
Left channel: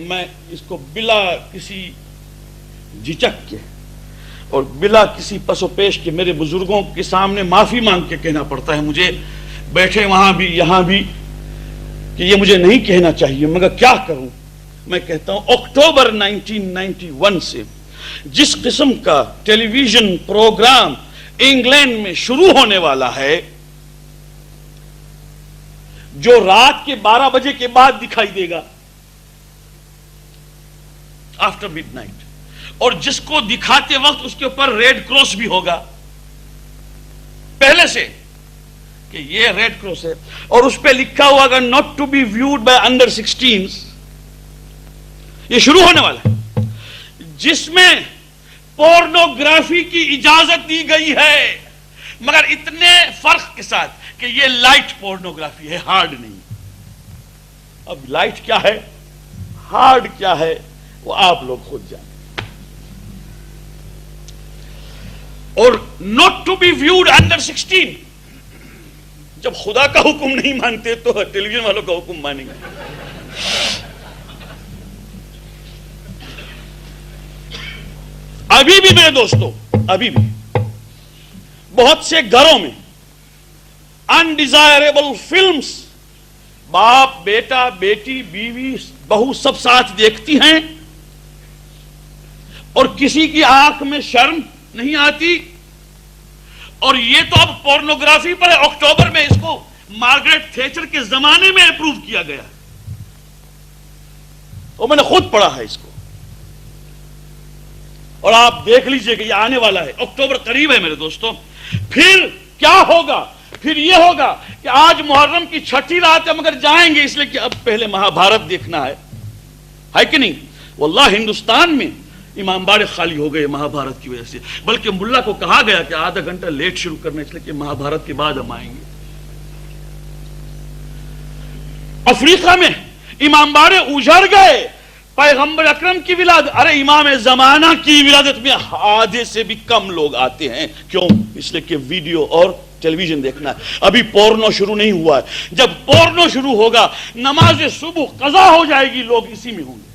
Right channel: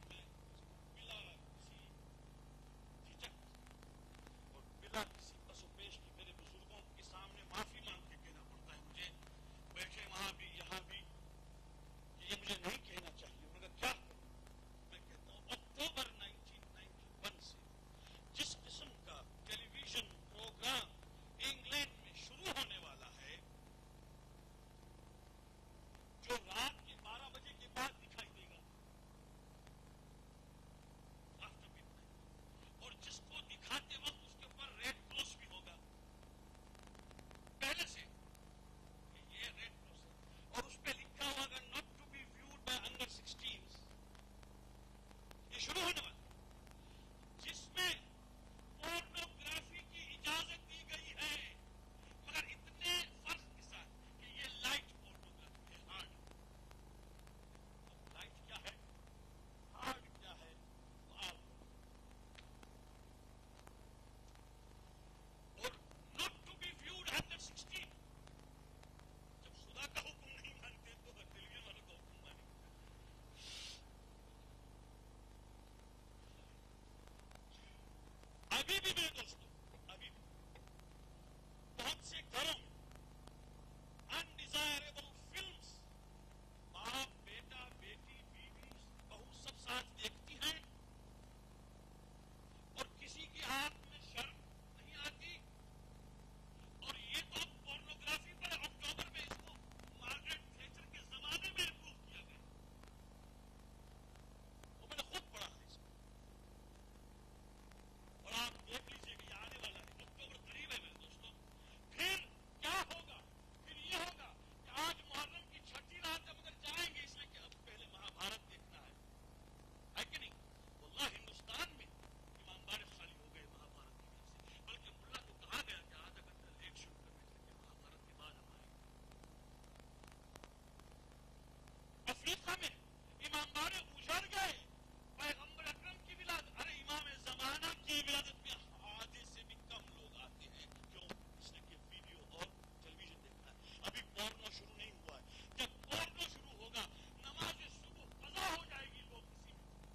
میں اس کو بلا کسی جھجک کے اور بلا کسی پس و پیش کے میرے بزرگوں کے سامنے معافی مانگ کے کہنا پڑتا ہے مجھے، بیٹھے وہاں بھی یہاں بھی، کہ یہ مجھے نہیں کہنا چاہیے مگر کیا کروں۔ میں کہتا ہوں اکتوبر 1991 سے جس قسم کا ٹیلی ویژن پروگرام انگلینڈ میں شروع ہونے والا ہے، جو رات کے 12 بجے کے بعد دکھائی دے گا، آفٹر مڈ نائٹ، اور جس کو دکھاتے وقت اس کے اوپر ریڈ کراس بھی ہوگا پہلے سے کہ یہ ریڈ کراس ہے، اور اس پہ لکھا ہوا ہوگا not to be viewed by under 16s۔ یہ شروع ہونے والا ہے جس میں پورنوگرافی کی اجازت دی گئی ہے، مگر اتنے فرق کے ساتھ کہ یہ لائٹ پورنوگرافی ہے، ہارڈ نہیں۔ اب لائٹ کیا ہے، ہارڈ کیا ہے، وہ آپ لوگ خود جانیں۔ اور not to be viewed under 16، جب خدا کا حکم نہیں مانتے تو ٹیلی ویژن والوں کا حکم مانیں گے۔ ابھی بھی میرے دوستو، ابھی بھی بہت سے گھروں میں انڈیزائربل فلمز باپ، بیٹا، بیٹی، بیوی، بہو سب ساتھ دیکھتی ہیں، اور کسی کی آنکھ میں شرم نہیں آتی۔ اور یہ تو اب پورنوگرافی پر ہے، اکتوبر میں اس کو مارگریٹ تھیچر کے زمانے میں اپروو کیا گیا، اور میں نے خود پڑھا ہے اس کو، اور آپ دیکھ لیجئے کہ یہ آنے والا ہے، اکتوبر قریب ہے میرے دوستوں۔ پھر کیا ہوگا؟ پھر یہ ہوگا کہ آج محرم کی 6ٹھی رات ہے مگر جائیں گے اس لیے کہ اب پہلے مہا بھارت دیکھنا ہے کہ نہیں؟ واللہ ہندوستان میں امام باڑے خالی ہو گئے مہا بھارت کی وجہ سے، بلکہ ملا کو کہا گیا کہ آدھا گھنٹہ لیٹ شروع کرنا اس لیے کہ مہا بھارت کے بعد ہم آئیں گے۔ افریقہ میں امام باڑے اجڑ گئے، پیغمبر اکرم کی ولادت، ارے امام زمانہ کی ولادت میں آدھے سے بھی کم لوگ آتے ہیں، کیوں؟ اس لیے کہ ویڈیو اور ٹیلی ویژن دیکھنا ہے۔ ابھی پورنو شروع نہیں ہوا ہے، جب پورنو شروع ہوگا نماز صبح قضا ہو جائے گی، لوگ اسی میں ہوں گے۔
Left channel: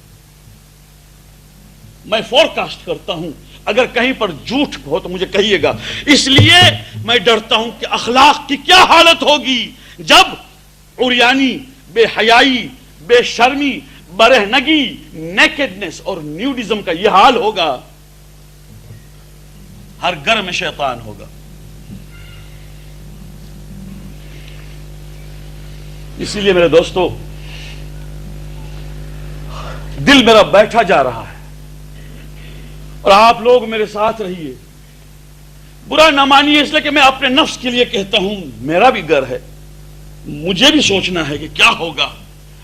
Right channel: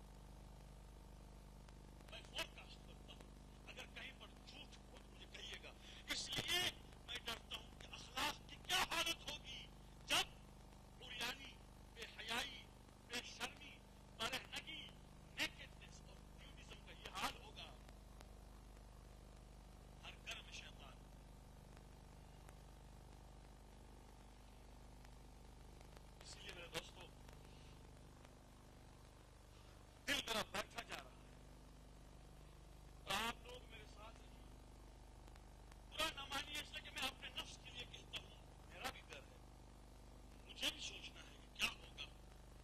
میں فورکاسٹ کرتا ہوں، اگر کہیں پر جھوٹ ہو تو مجھے کہیے گا، اس لیے میں ڈرتا ہوں کہ اخلاق کی کیا حالت ہوگی جب عریانی، بے حیائی، بے شرمی، برہنگی، نیکڈنس اور نیوڈزم کا یہ حال ہوگا، ہر گھر میں شیطان ہوگا۔ اسی لیے میرے دوستو، دل میرا بیٹھا جا رہا ہے، اور آپ لوگ میرے ساتھ رہیے، برا نہ مانیے، اس لیے کہ میں اپنے نفس کے لیے کہتا ہوں، میرا بھی گھر ہے، مجھے بھی سوچنا ہے کہ کیا ہوگا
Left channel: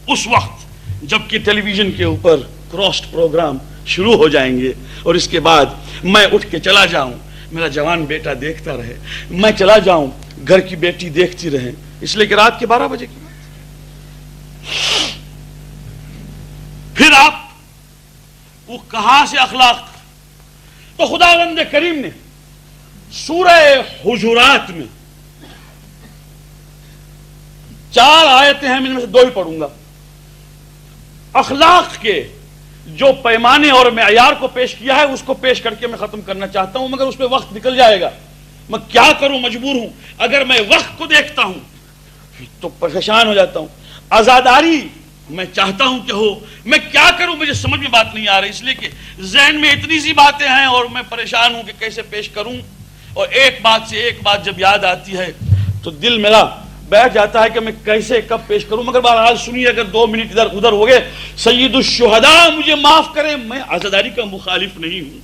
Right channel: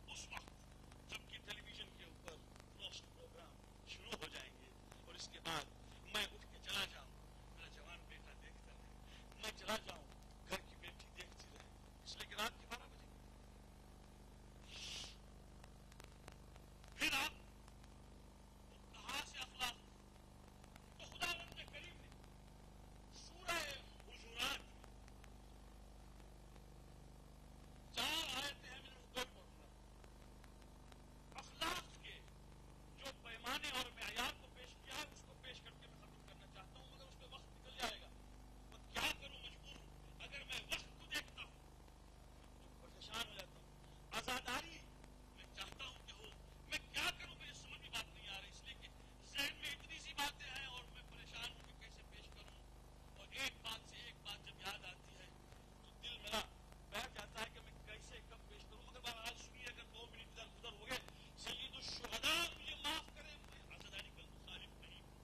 اس وقت جب کہ ٹیلی ویژن کے اوپر کراسڈ پروگرام شروع ہو جائیں گے، اور اس کے بعد میں اٹھ کے چلا جاؤں، میرا جوان بیٹا دیکھتا رہے، میں چلا جاؤں، گھر کی بیٹی دیکھتی رہے، اس لیے کہ رات کے 12 بجے کی بات۔ پھر آپ وہ کہاں سے اخلاق؟ تو خداوند کریم نے سورہ حجرات میں 4 آیتیں ہیں، میں سے 2 ہی پڑھوں گا، اخلاق کے جو پیمانے اور معیار کو پیش کیا ہے اس کو پیش کر کے میں ختم کرنا چاہتا ہوں، مگر اس پہ وقت نکل جائے گا، میں کیا کروں، مجبور ہوں۔ اگر میں وقت کو دیکھتا ہوں تو پریشان ہو جاتا ہوں، عزاداری میں چاہتا ہوں کہ ہو، میں کیا کروں، مجھے سمجھ میں بات نہیں آ رہی، اس لیے کہ ذہن میں اتنی سی باتیں ہیں اور میں پریشان ہوں کہ کیسے پیش کروں، اور ایک بات سے ایک بات جب یاد آتی ہے تو دل میرا بیٹھ جاتا ہے کہ میں کیسے کب پیش کروں، مگر بہرحال سنیے، اگر 2 منٹ ادھر ادھر ہو گئے، سید الشہداء مجھے معاف کریں، میں عزاداری کا مخالف نہیں ہوں،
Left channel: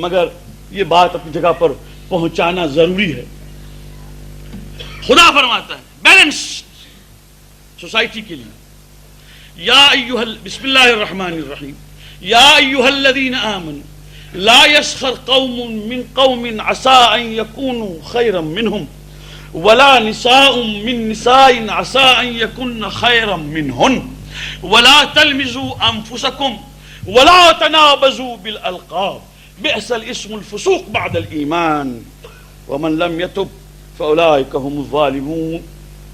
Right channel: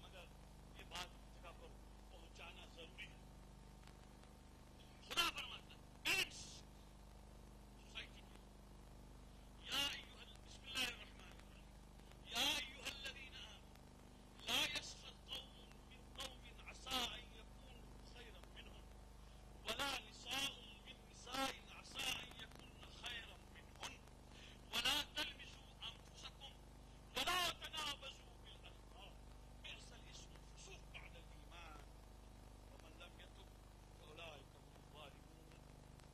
مگر یہ بات اپنی جگہ پر پہنچانا ضروری ہے۔ خدا فرماتا ہے بیلنس سوسائٹی کے لیے، یا ایھا بسم اللہ الرحمن الرحیم، یا ایھا الذین آمنوا لا یسخر قوم من قوم عسى ان یکونوا خیرا منہم ولا نساء من نساء عسى ان يكن خيرا منهن ولا تلمزوا انفسكم ولا تنابزوا بالالقاب بئس الاسم الفسوق بعد الايمان ومن لم يتب فاولئك هم الظالمون۔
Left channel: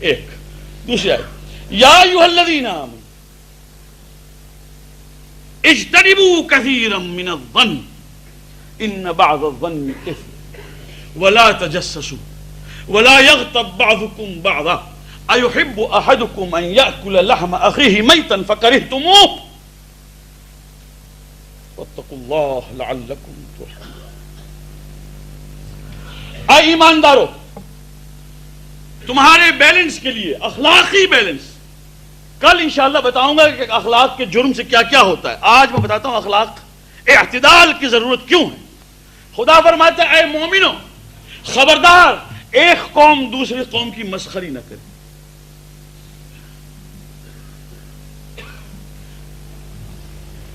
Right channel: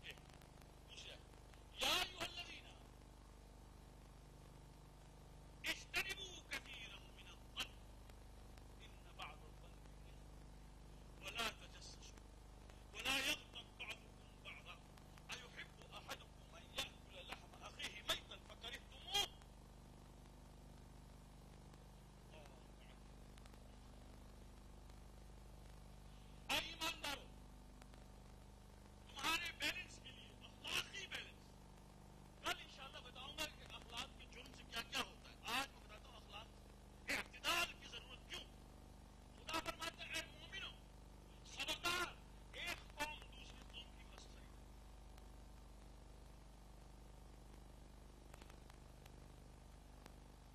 ایک دوسری آیت، یا ایھا الذین آمنوا، اجتنبوا كثيرا من الظن ان بعض الظن اثم ولا تجسسوا ولا يغتب بعضكم بعضا ايحب احدكم ان ياكل لحم اخيه ميتا فكرهتموه واتقوا الله لعلكم ترحمون. اے ایماندارو، تمہارے بیلنس کے لیے، اخلاقی بیلنس، کل انشاءاللہ بتاؤں گا کہ اخلاق کے جرم سے کیا کیا ہوتا ہے. آج میں بتاتا ہوں اخلاق اعتدال کی ضرورت کیوں ہے. خدا فرماتا ہے اے مومنو، خبردار ایک قوم دوسری قوم کی مسخری نہ کرے.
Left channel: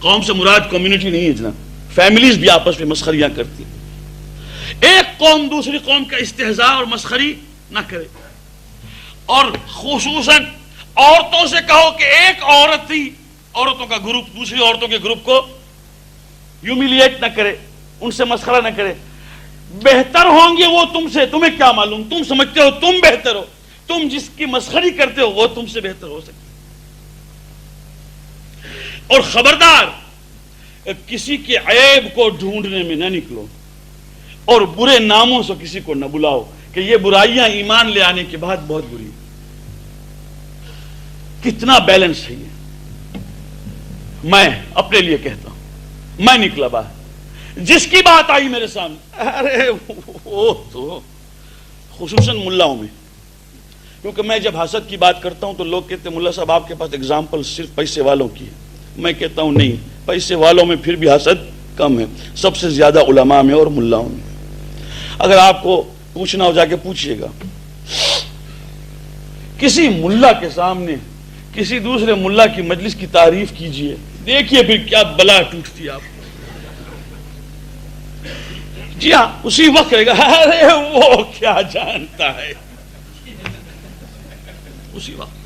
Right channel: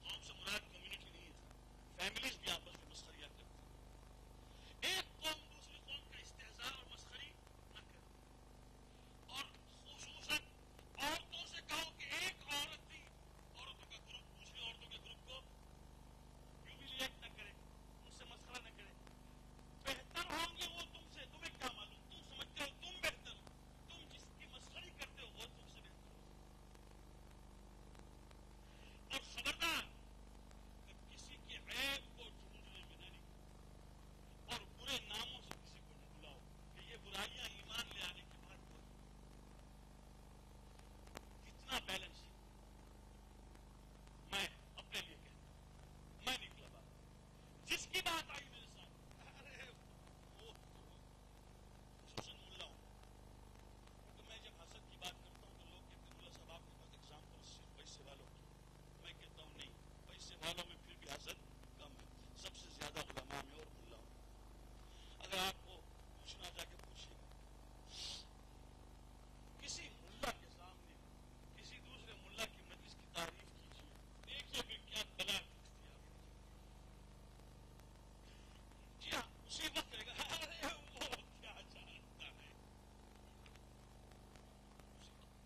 قوم سے مراد کمیونٹی نہیں ہے جناب، فیملیز بھی آپس میں مسخریاں کرتی ہیں. ایک قوم دوسری قوم کا استہزاء اور مسخری نہ کرے. اور خصوصاً عورتوں سے کہو کہ ایک عورت تھی، عورتوں کا گروپ دوسری عورتوں کے گروپ کو ہیوملیٹ نہ کرے، ان سے مسخرہ نہ کرے. بہتر ہوں گے وہ تم سے، تمہیں کیا معلوم، تم سمجھتے ہو تم بہتر ہو، تم جس کی مسخری کرتے ہو وہ تم سے بہتر ہو سکتے. اور خبردار کسی کے عیب کو ڈھونڈنے میں نہ نکلو اور برے ناموں سے کسی کو نہ بلاؤ کہ یہ برائیاں ایمان لے آنے کے بعد بہت بری. کتنا بیلنس ہے یہ. میں اپنے لیے کہتا ہوں، میں نکلا باہر، جس کی بات آئی میرے سامنے، ارے وہ تو خصوصاً ملاؤں میں، کیونکہ میں جب حسد کی بات کرتا ہوں تو لوگ کہتے ہیں ملا صاحب آپ کے پاس اگزامپل صرف پیسے والوں کی ہے. میں کہتا ہوں نہیں، پیسے والوں میں پھر بھی حسد کم ہے، سب سے زیادہ علماء میں اور ملاؤں میں. اگر آپ کو پوچھنا ہو جا کے پوچھئے گا، کسی ملا کے سامنے کسی دوسرے ملا کی مجلس کی تعریف کیجئے، دیکھیے پھر کیا بلا ٹوٹتی آپ. جی ہاں، اسی وقت کہے گا ارے وہ کیا جانتا ہے. اسی وقت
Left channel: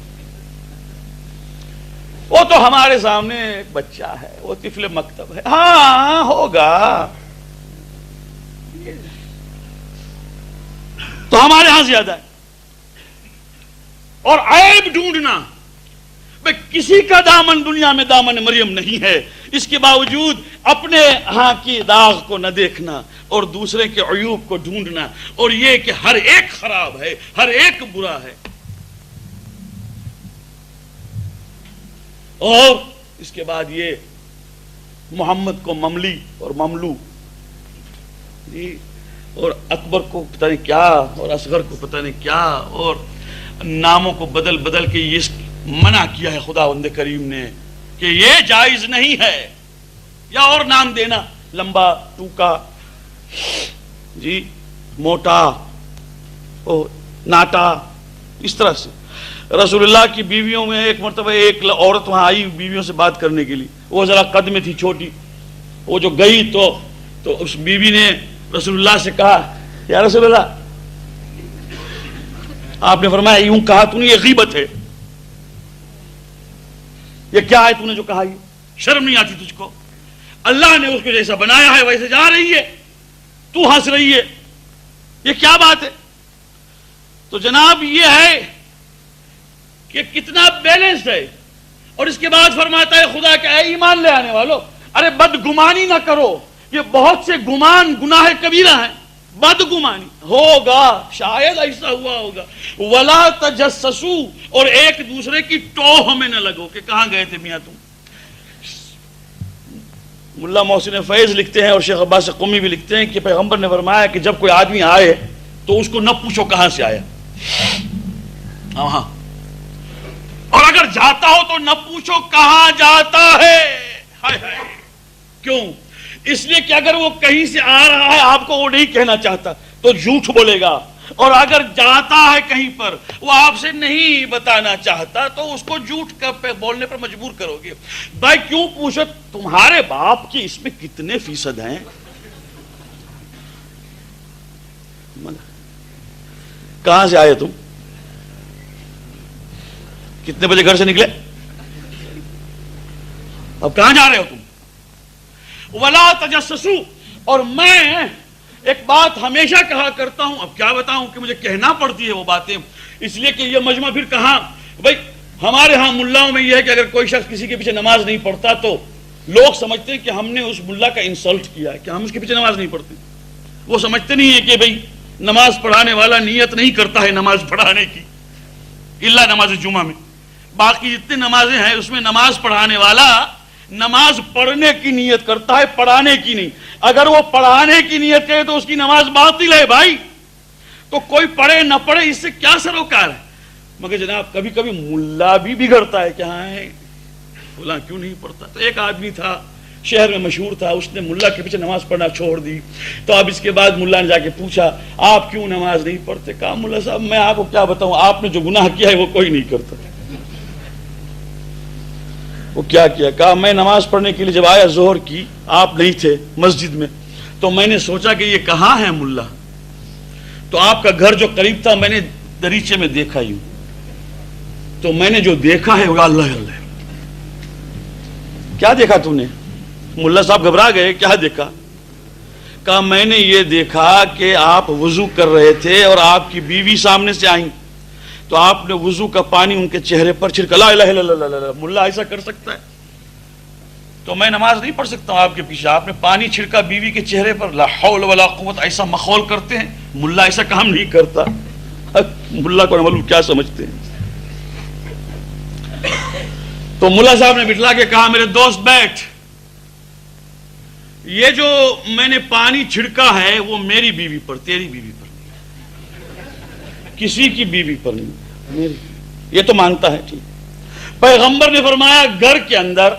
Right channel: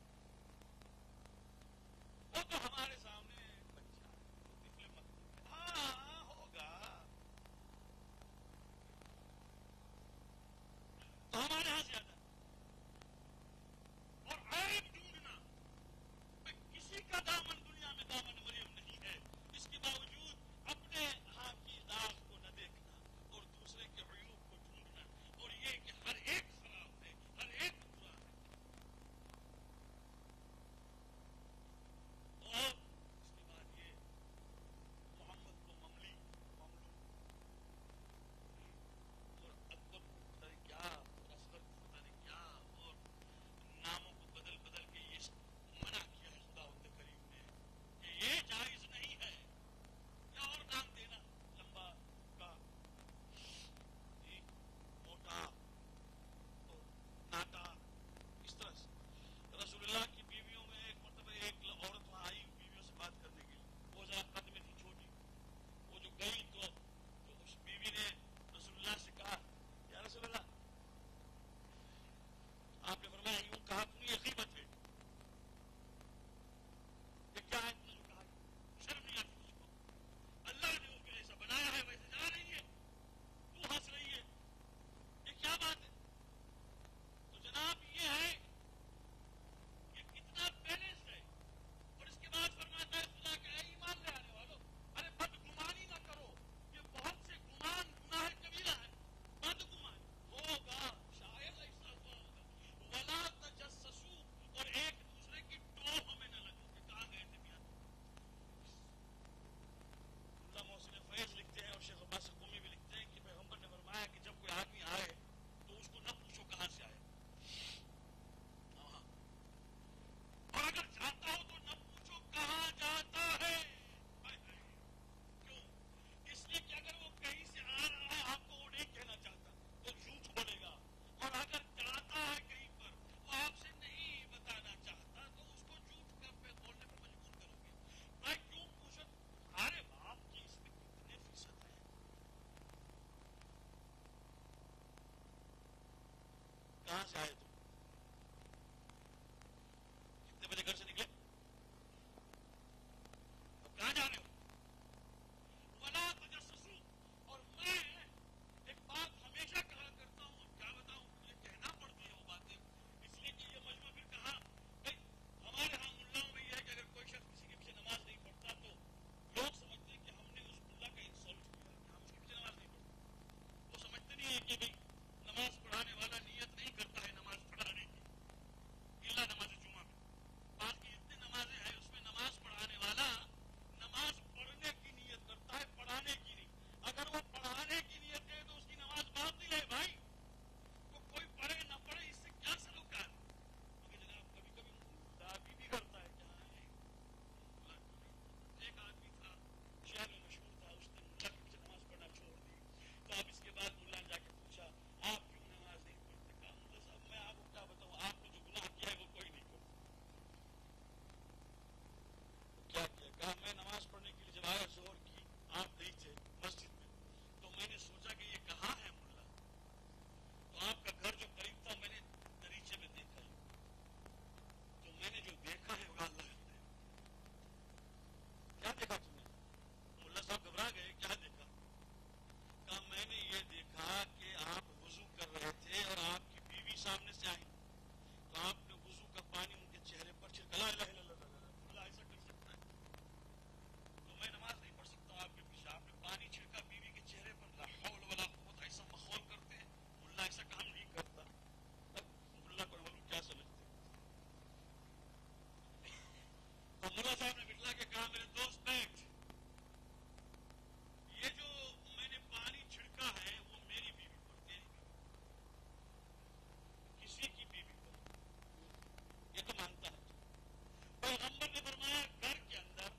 وہ تو ہمارے سامنے ایک بچہ ہے، وہ طفل مکتب ہے. ہاں ہوگا، تو ہمارے ہاں زیادہ ہے. اور عیب ڈھونڈنا، کسی کا دامن دنیا میں دامن مریم نہیں ہے، اس کے باوجود اپنے ہاں کی داغ کو نہ دیکھنا اور دوسرے کے عیوب کو ڈھونڈنا، اور یہ کہ ہر ایک خراب ہے، ہر ایک برا ہے. اور اس کے بعد یہ محمد کو مملی اور مملو، جی، اور اکبر کو پتہ نہیں کیا اور اصغر کو پتہ نہیں کیا، اور ناموں کو بدل بدل کے یہ منع کیا ہے خداوند کریم نے کہ یہ جائز نہیں ہے. یا اور نام دینا، لمبا، ٹوکا، جی، موٹا، ناٹا، اس طرح سے. رسول اللہ کی بیویوں میں ایک مرتبہ ایک عورت وہاں آئی بیویوں سے بات کرنے کے لیے، وہ ذرا قد میں تھی چھوٹی. وہ جو گئی تو اس بیوی نے رسول اللہ سے کہا یا رسول اللہ، آپ نے فرمایا یوں کہا تو نہیں، یہ غیبت ہے. یہ کیا ہے تو نے جو کہا، یہ شرم نہیں آتی تجھ کو؟ اللہ نے اس کو جیسا بنایا ہے ویسے جا رہی ہے، تو ہنس رہی ہے، یہ کیا بات ہے؟ تو جناب یہ ہے کہ کتنا بیلنس ہے. اور اس کے بعد فرماتا ہے خدا کہ اے ایمان لے آنے والو، ارے بدگمانی نہ کرو. یہ بہت سے گمان گناہ کبیرہ ہیں. بدگمانی ہوگا، شاید ایسا ہوا ہوگا. ولا تجسسوا، اور ایک دوسرے کی ٹوہ میں نہ لگو کہ کہاں گئے تھے میاں تم. ملا محسن فیض لکھتے ہیں اور شیخ عباس قمی بھی لکھتے ہیں کہ پیغمبر نے فرمایا کہ جب کوئی آدمی آئے تو اس کو نہ پوچھو کہاں سے آیا. ہاں، اور اگر جاتا ہو تو نہ پوچھو کہاں جاتا ہے. کیوں؟ اس لیے کہ اگر وہ کہیں سے آ رہا ہے آپ کو وہ نہیں کہنا چاہتا تو جھوٹ بولے گا، اور اگر جاتا ہے کہیں پر وہ آپ سے نہیں بتانا چاہتا تو اس کو جھوٹ بولنے پر مجبور کرو گے. بھائی کیوں پوچھو تمہارے باپ کی اس میں کتنے فیصد ہیں؟ کہاں سے آئے تم؟ کتنے بجے گھر سے نکلے؟ اب کہاں جا رہے ہو تم؟ ولا تجسسوا. اور میں ایک بات ہمیشہ کہا کرتا ہوں، اب کیا بتاؤں کہ مجھے کہنا پڑتی ہے وہ باتیں، اس لیے کہ یہ مجمع پھر کہاں. بھائی ہمارے ہاں ملاؤں میں یہ ہے کہ اگر کوئی شخص کسی کے پیچھے نماز نہیں پڑھتا تو لوگ سمجھتے ہیں کہ ہم نے اس ملا کا انسلٹ کیا ہے کہ ہم اس کے پیچھے نماز نہیں پڑھتے. وہ سمجھتے نہیں ہیں کہ بھئی نماز پڑھانے والا نیت نہیں کرتا ہے نماز پڑھانے کی الا نماز جمعہ میں. باقی جتنے نمازیں ہیں اس میں نماز پڑھانے والا نماز پڑھنے کی نیت کرتا ہے, پڑھانے کی نہیں. اگر وہ پڑھانے کی نیت کرے تو اس کی نماز باطل ہے بھائی. تو کوئی پڑھے نہ پڑھے اس سے کیا سروکار ہے. مگر جناب کبھی کبھی ملا بھی بگڑتا ہے کہ ہاں فلاں کیوں نہیں پڑھتا. تو ایک آدمی تھا شہر میں مشہور تھا, اس نے ملا کے پیچھے نماز پڑھنا چھوڑ دی. تو اب اس کے بعد ملا نے جا کے پوچھا آپ کیوں نماز نہیں پڑھتے. کہا ملا صاحب میں آپ کو کیا بتاؤں, آپ نے جو گناہ کیا ہے وہ کوئی نہیں کرتا. وہ کیا کیا؟ کہا میں نماز پڑھنے کے لیے جب آیا ظہر کی, آپ نہیں تھے مسجد میں, تو میں نے سوچا کہ یہ کہاں ہے ملا. تو آپ کا گھر جو قریب تھا میں نے دریچے میں دیکھا یوں, تو میں نے جو دیکھا ہے وہ اللہ اللہ. کیا دیکھا تو نے؟ ملا صاحب گھبرا گئے, کیا دیکھا؟ کہا میں نے یہ دیکھا کہ آپ وضو کر رہے تھے اور آپ کی بیوی سامنے سے آئیں, تو آپ نے وضو کا پانی ان کے چہرے پر چھڑکا. لا الہ الا اللہ, ملا ایسا کر سکتا ہے؟ تو میں نماز نہیں پڑھ سکتا ہوں آپ کے پیچھے. آپ نے پانی چھڑکا بیوی کے چہرے پر, لا حول ولا قوت, ایسا مخول کرتے ہیں. ملا ایسا کام نہیں کرتا. ملا کو معلوم کیا سمجھتے ہیں. تو ملا صاحب نے بٹھلا کے کہا میرے دوست بیٹھ, یہ جو میں نے پانی چھڑکا ہے وہ میری بیوی پر, تیری بیوی پر نہیں, کسی کی بیوی پر نہیں, میری. یہ تو مانتا ہے ٹھیک. پیغمبر نے فرمایا گھر کے اندر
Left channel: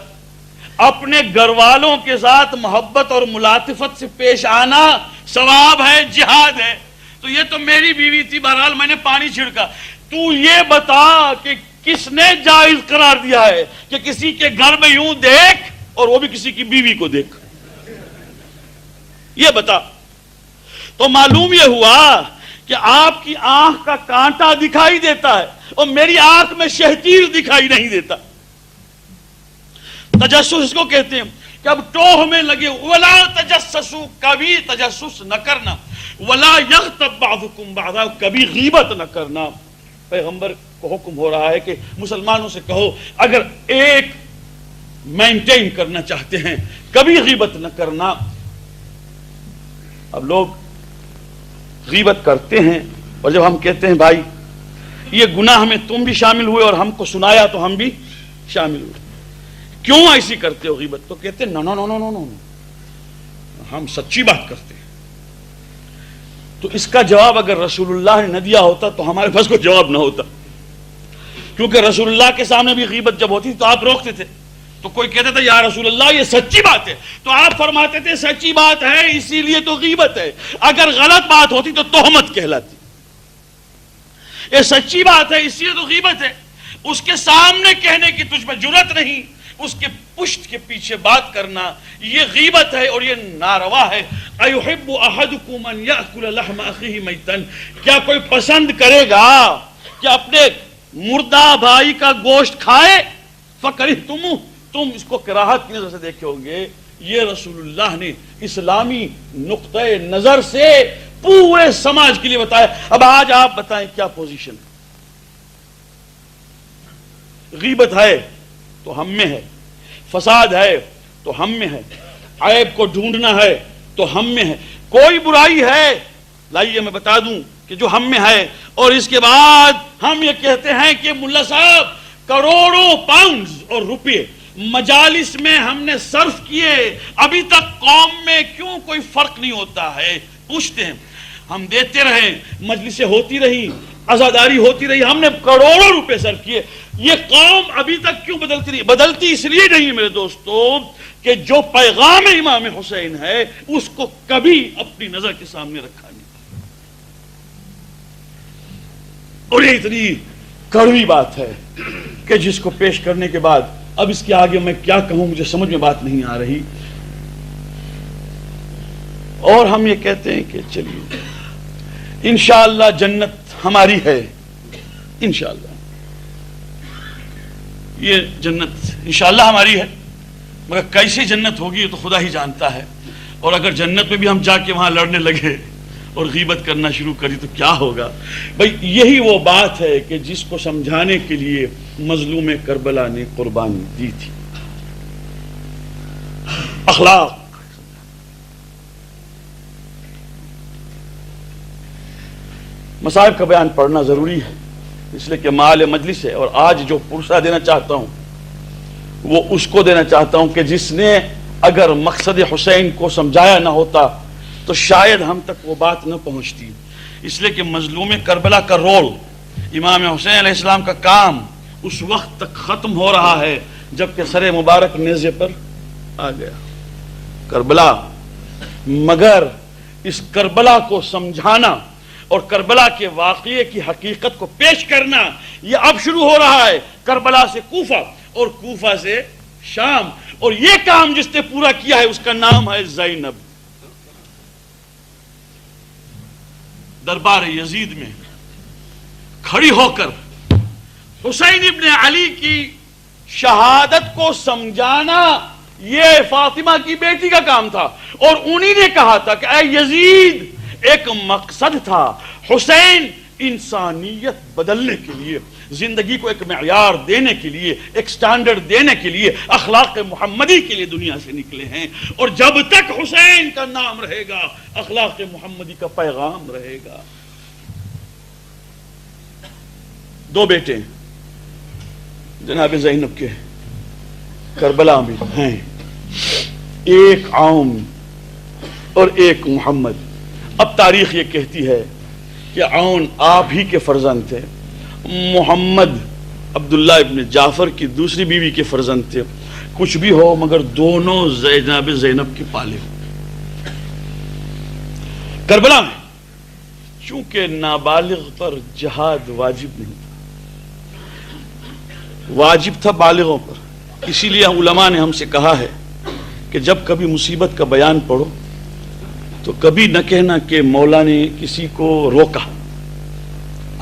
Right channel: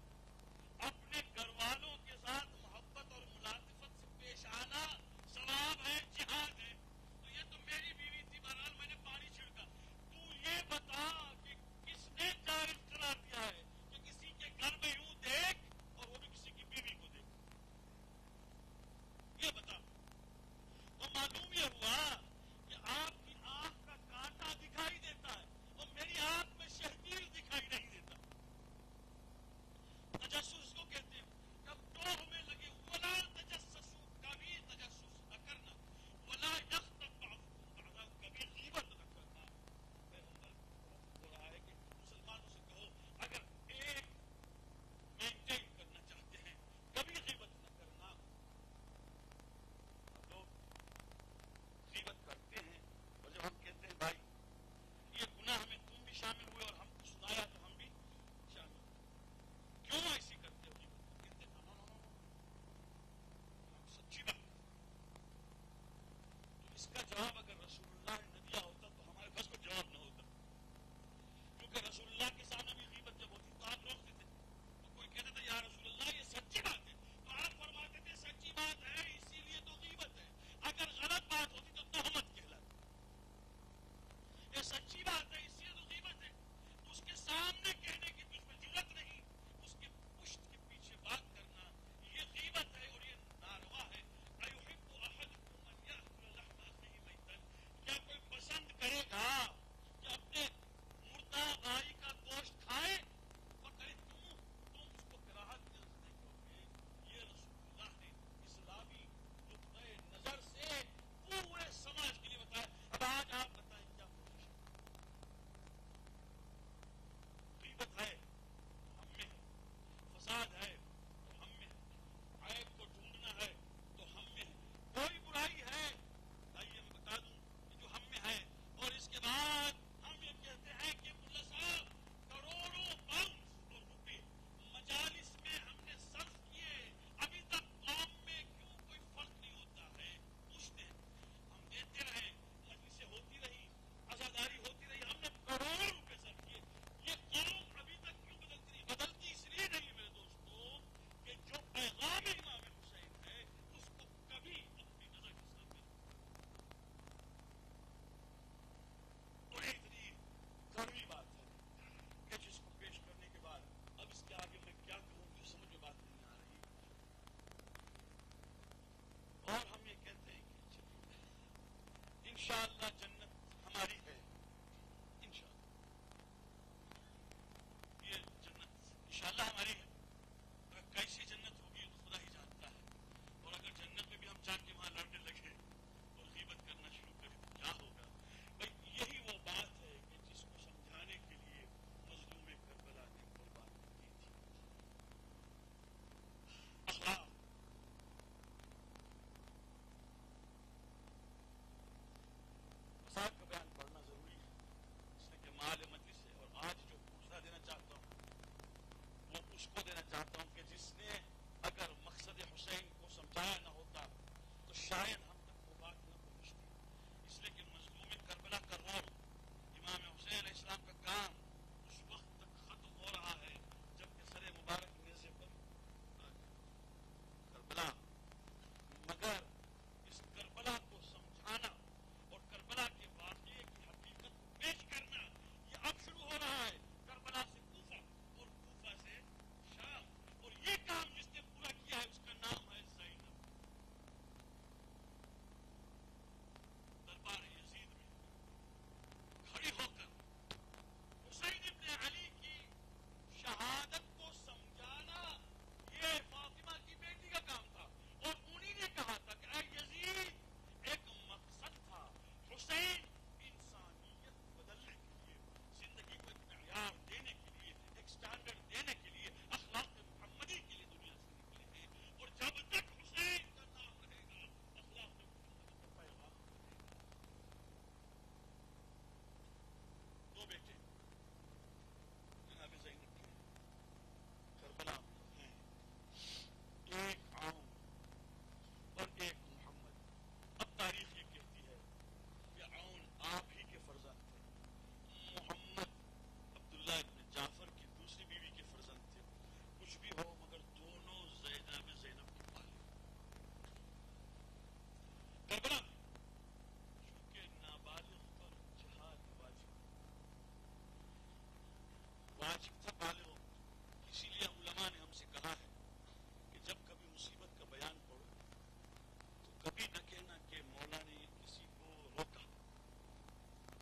اپنے گھر والوں کے ساتھ محبت اور ملاطفت سے پیش آنا ثواب ہے, جہاد ہے. تو یہ تو میری بیوی تھی, بہرحال میں نے پانی چھڑکا. تو یہ بتا کہ کس نے جائز قرار دیا ہے کہ کسی کے گھر میں یوں دیکھ اور وہ بھی کسی کی بیوی کو دیکھ, یہ بتا. تو معلوم یہ ہوا کہ آپ کی آنکھ کا کانٹا دکھائی دیتا ہے اور میری آنکھ میں شہتیر دکھائی نہیں دیتا. تجسس اس کو کہتے ہیں کہ اب ٹوہ میں لگے, ولا تجسسوا, کبھی تجسس نہ کرنا, ولا یغتب بعضکم بعضا, کبھی غیبت نہ کرنا. پیغمبر کو حکم ہو رہا ہے کہ مسلمانوں سے کہو اگر ایک مینٹین کرنا چاہتے ہیں کبھی غیبت نہ کرنا. اب لوگ غیبت کرتے ہیں اور جب ہم کہتے ہیں بھائی یہ گناہ میں تم بھی شامل ہوئے اور ہم کو سنایا تو ہم بھی شامل ہوئے, کیوں ایسی کرتے ہو غیبت؟ تو کہتے ہیں نو نو نو نو نو نو, ہم سچی بات کرتے ہیں. تو اس کا جواب اگر رسول اللہ نے نہ دیا ہوتا تو ہمارے پاس کوئی جواب نہ ہوتا, کیونکہ رسول اللہ کے سامنے بھی غیبت جب ہوتی تو آپ روکتے تھے. تو کوئی کہتا تھا یا رسول اللہ یہ سچی بات ہے, تو آپ فرماتے تھے سچی بات ہے اسی لیے تو غیبت ہے. اگر غلط بات ہوتی تو تہمت کہلاتی. یہ سچی بات ہے اسی لیے تو غیبت ہے. اس کے سامنے کہنے کی تجھ میں جرأت نہیں, اس کے پشت کے پیچھے بات کرنا یہ غیبت ہے اور یہ ناروا ہے. ایحب احدکم ان یاکل لحم اخیہ میتا, کیا کوئی پسند کرے گا کہ اپنے مردہ بھائی کا گوشت کھائے؟ فکرہتموہ, تم اس کو کراہت کی نظر سے دیکھے ہوں گے. یہ رسول اللہ نے اسلامی نقطہ نظر سے پورے سماج کے لیے بتایا. اب آج آپ بتائیں کیا پوزیشن ہے؟ غیبت ہے تو ہم میں ہے, فساد ہے تو ہم میں ہے, عیب کو ڈھونڈنا ہے تو ہم میں ہے, کوئی برائی ہے لائیے میں بتا دوں کہ جو ہم میں ہے. اور اس کے بعد ہم یہ کہتے ہیں کہ ملا صاحب کروڑوں پاؤنڈز اور روپے مجالس میں ہم نے صرف کیے, ابھی تک قوم میں کیوں کوئی فرق نہیں ہوتا ہے؟ پوچھتے ہیں. ہم دیتے رہے, مجلسیں ہوتی رہی, عزاداری ہوتی رہی, ہم نے کروڑوں روپے صرف کیے, یہ قوم ابھی تک کیوں بدلتی نہیں؟ بدلتی اس لیے نہیں میرے دوستو کہ جو پیغام امام حسین ہے اس کو کبھی اپنی نظر کے سامنے رکھا نہیں. اور یہ اتنی کڑوی بات ہے کہ جس کو پیش کرنے کے بعد اب اس کے آگے میں کیا کہوں, مجھے سمجھ میں بات نہیں آ رہی. اور ہم یہ کہتے ہیں کہ چلیے انشاءاللہ جنت ہماری ہے, انشاءاللہ یہ جنت انشاءاللہ ہماری ہے, مگر کیسی جنت ہوگی یہ تو خدا ہی جانتا ہے. اور اگر جنت میں بھی ہم جا کے وہاں لڑنے لگے اور غیبت کرنا شروع کری تو کیا ہوگا؟ بھئی یہی وہ بات ہے کہ جس کو سمجھانے کے لیے مظلوم کربلا نے قربانی دی تھی. اخلاق. مصائب کا بیان پڑھنا ضروری ہے اس لیے کہ مال مجلس ہے، اور آج جو پرسہ دینا چاہتا ہوں وہ اس کو دینا چاہتا ہوں کہ جس نے اگر مقصد حسین کو سمجھایا نہ ہوتا تو شاید ہم تک وہ بات نہ پہنچتی. اس لیے کہ مظلوم کربلا کا رول، امام حسین علیہ السلام کا کام اس وقت تک ختم ہو رہا ہے جبکہ سر مبارک نیزے پر آ گیا. کربلا، مگر اس کربلا کو سمجھانا اور کربلا کے واقعے کی حقیقت کو پیش کرنا یہ اب شروع ہو رہا ہے. کربلا سے کوفہ اور کوفہ سے شام، اور یہ کام جس نے پورا کیا ہے اس کا نام ہے زینب. دربار یزید میں کھڑی ہو کر حسین ابن علی کی شہادت کو سمجھانا یہ فاطمہ کی بیٹی کا کام تھا، اور انہی نے کہا تھا کہ اے یزید ایک مقصد تھا، حسین انسانیت بدلنے کے لیے، زندگی کو ایک معیار دینے کے لیے، ایک سٹینڈرڈ دینے کے لیے، اخلاق محمدی کے لیے دنیا سے نکلے ہیں، اور جب تک حسین کا نام رہے گا اخلاق محمدی کا پیغام رہے گا. دو بیٹے جناب زینب کے کربلا میں ہیں، ایک عون اور ایک محمد. اب تاریخ یہ کہتی ہے کہ عون آپ ہی کے فرزند تھے، محمد عبداللہ ابن جعفر کی دوسری بیوی کے فرزند تھے. کچھ بھی ہو مگر دونوں جناب زینب کے پالے ہو. کربلا میں چونکہ نابالغ پر جہاد واجب نہیں تھا، واجب تھا بالغوں پر، اسی لیے علماء نے ہم سے کہا ہے کہ جب کبھی مصیبت کا بیان پڑھو تو کبھی نہ کہنا کہ مولا نے کسی کو روکا.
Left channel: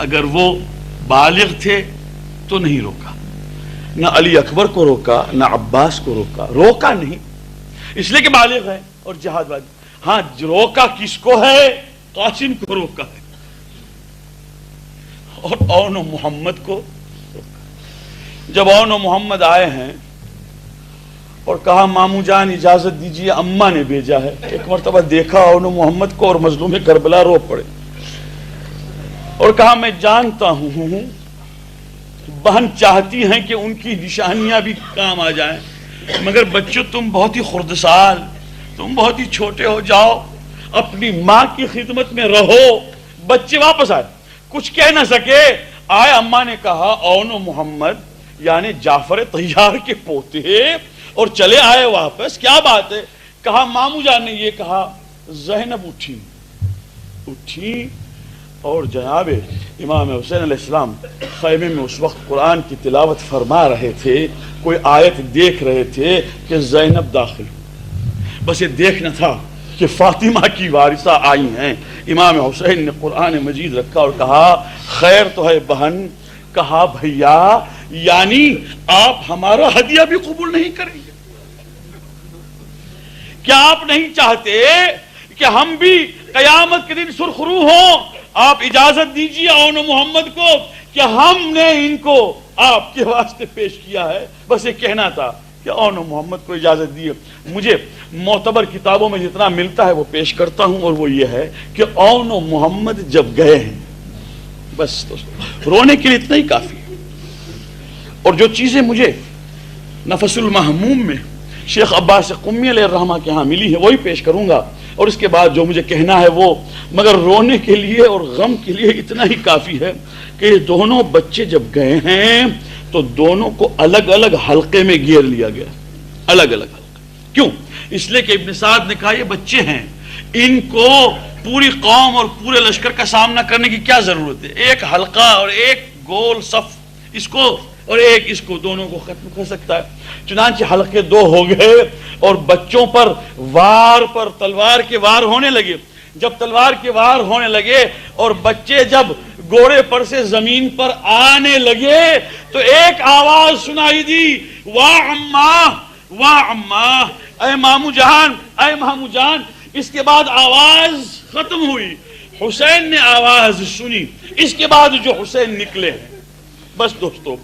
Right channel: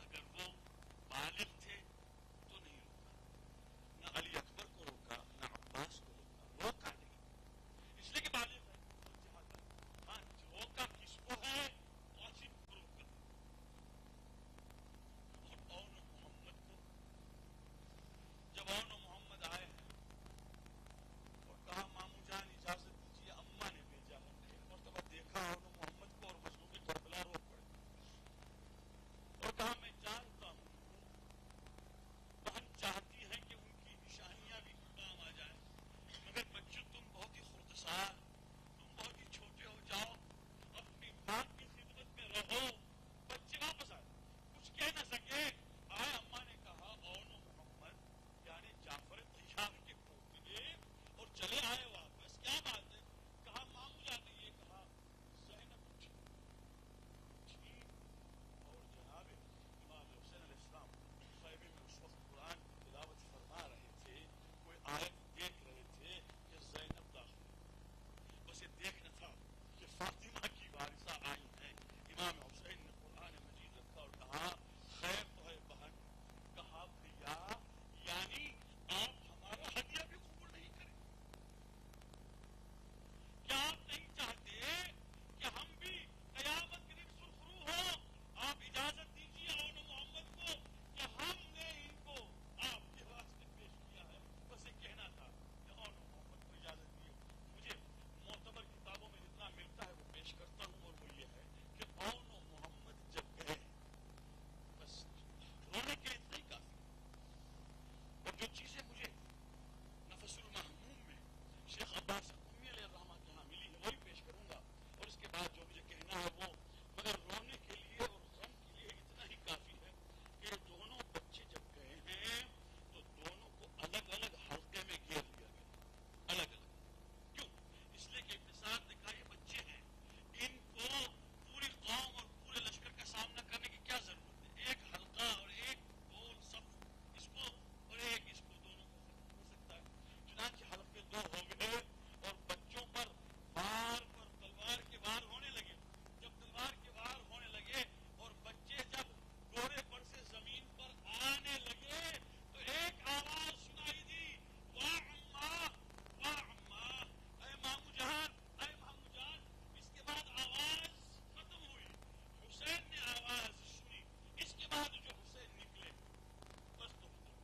اگر وہ بالغ تھے تو نہیں روکا، نہ علی اکبر کو روکا نہ عباس کو روکا، روکا نہیں اس لیے کہ بالغ ہے اور جہاد واجب. ہاں روکا کس کو ہے؟ قاسم کو روکا ہے، اور اون و محمد کو روکا. جب اون و محمد آئے ہیں اور کہا مامو جان اجازت دیجیے، اماں نے بھیجا ہے. ایک مرتبہ دیکھا اون و محمد کو اور مظلوم کربلا رو پڑے اور کہا میں جانتا ہوں بہن چاہتی ہیں کہ ان کی نشانیاں بھی کام آ جائیں، مگر بچوں تم بہت ہی خردسال، تم بہت ہی چھوٹے ہو، جاؤ اپنی ماں کی خدمت میں رہو. بچے واپس آئے، کچھ کہہ نہ سکے. آئے اماں نے کہا اون و محمد یعنی جعفر طیار کے پوتے، اور چلے آئے واپس. کیا بات ہے؟ کہا مامو جان نے یہ کہا. زینب اٹھی اور جناب امام حسین علیہ السلام خیمے میں اس وقت قرآن کی تلاوت فرما رہے تھے، کوئی آیت دیکھ رہے تھے کہ زینب داخل. بس یہ دیکھنا تھا کہ فاطمہ کی وارثہ آئی ہیں. امام حسین نے قرآن مجید رکھا اور کہا خیر تو ہے بہن. کہا بھیا یعنی آپ ہمارا ہدیہ بھی قبول نہیں کریں گے؟ کیا آپ نہیں چاہتے کہ ہم بھی قیامت کے دن سرخرو ہوں؟ آپ اجازت دیجیے اون و محمد کو کہ ہم نے ان کو آپ کے واسطے پیش کیا ہے. بس یہ کہنا تھا کہ اون و محمد کو اجازت دیے. مجھے معتبر کتابوں میں جتنا ملتا ہے وہ پیش کرتا ہوں، اور وہ یہ ہے کہ اون و محمد جب گئے ہیں بس رونے کے لیے اتنا ہی کافی ہے. اور جو چیزیں مجھے نفس المحموم میں شیخ عباس قمی علیہ الرحمہ کے ہاں ملی ہے وہی پیش کروں گا، اور اس کے بعد جو مجھے کہنا ہے وہ مگر رونے کے لیے اور غم کے لیے اتنا ہی کافی ہے کہ یہ دونوں بچے جب گئے ہیں تو دونوں کو الگ الگ حلقے میں گھیر لیا گیا. الگ الگ حلقے. کیوں؟ اس لیے کہ ابن سعد نے کہا یہ بچے ہیں، ان کو پوری قوم اور پورے لشکر کا سامنا کرنے کی کیا ضرورت ہے؟ ایک حلقہ اور ایک گول صف اس کو اور ایک اس کو، دونوں کو ختم کر سکتا ہے. چنانچہ حلقے دو ہو گئے اور بچوں پر وار پر تلوار کے وار ہونے لگے. جب تلوار کے وار ہونے لگے اور بچے جب گھوڑے پر سے زمین پر آنے لگے تو ایک آواز سنائی دی، واہ اماں واہ اماں، اے مامو جان اے مامو جان. اس کے بعد آواز ختم ہوئی، حسین نے آواز سنی، اس کے بعد جو حسین نکلے ہیں. بس دوستو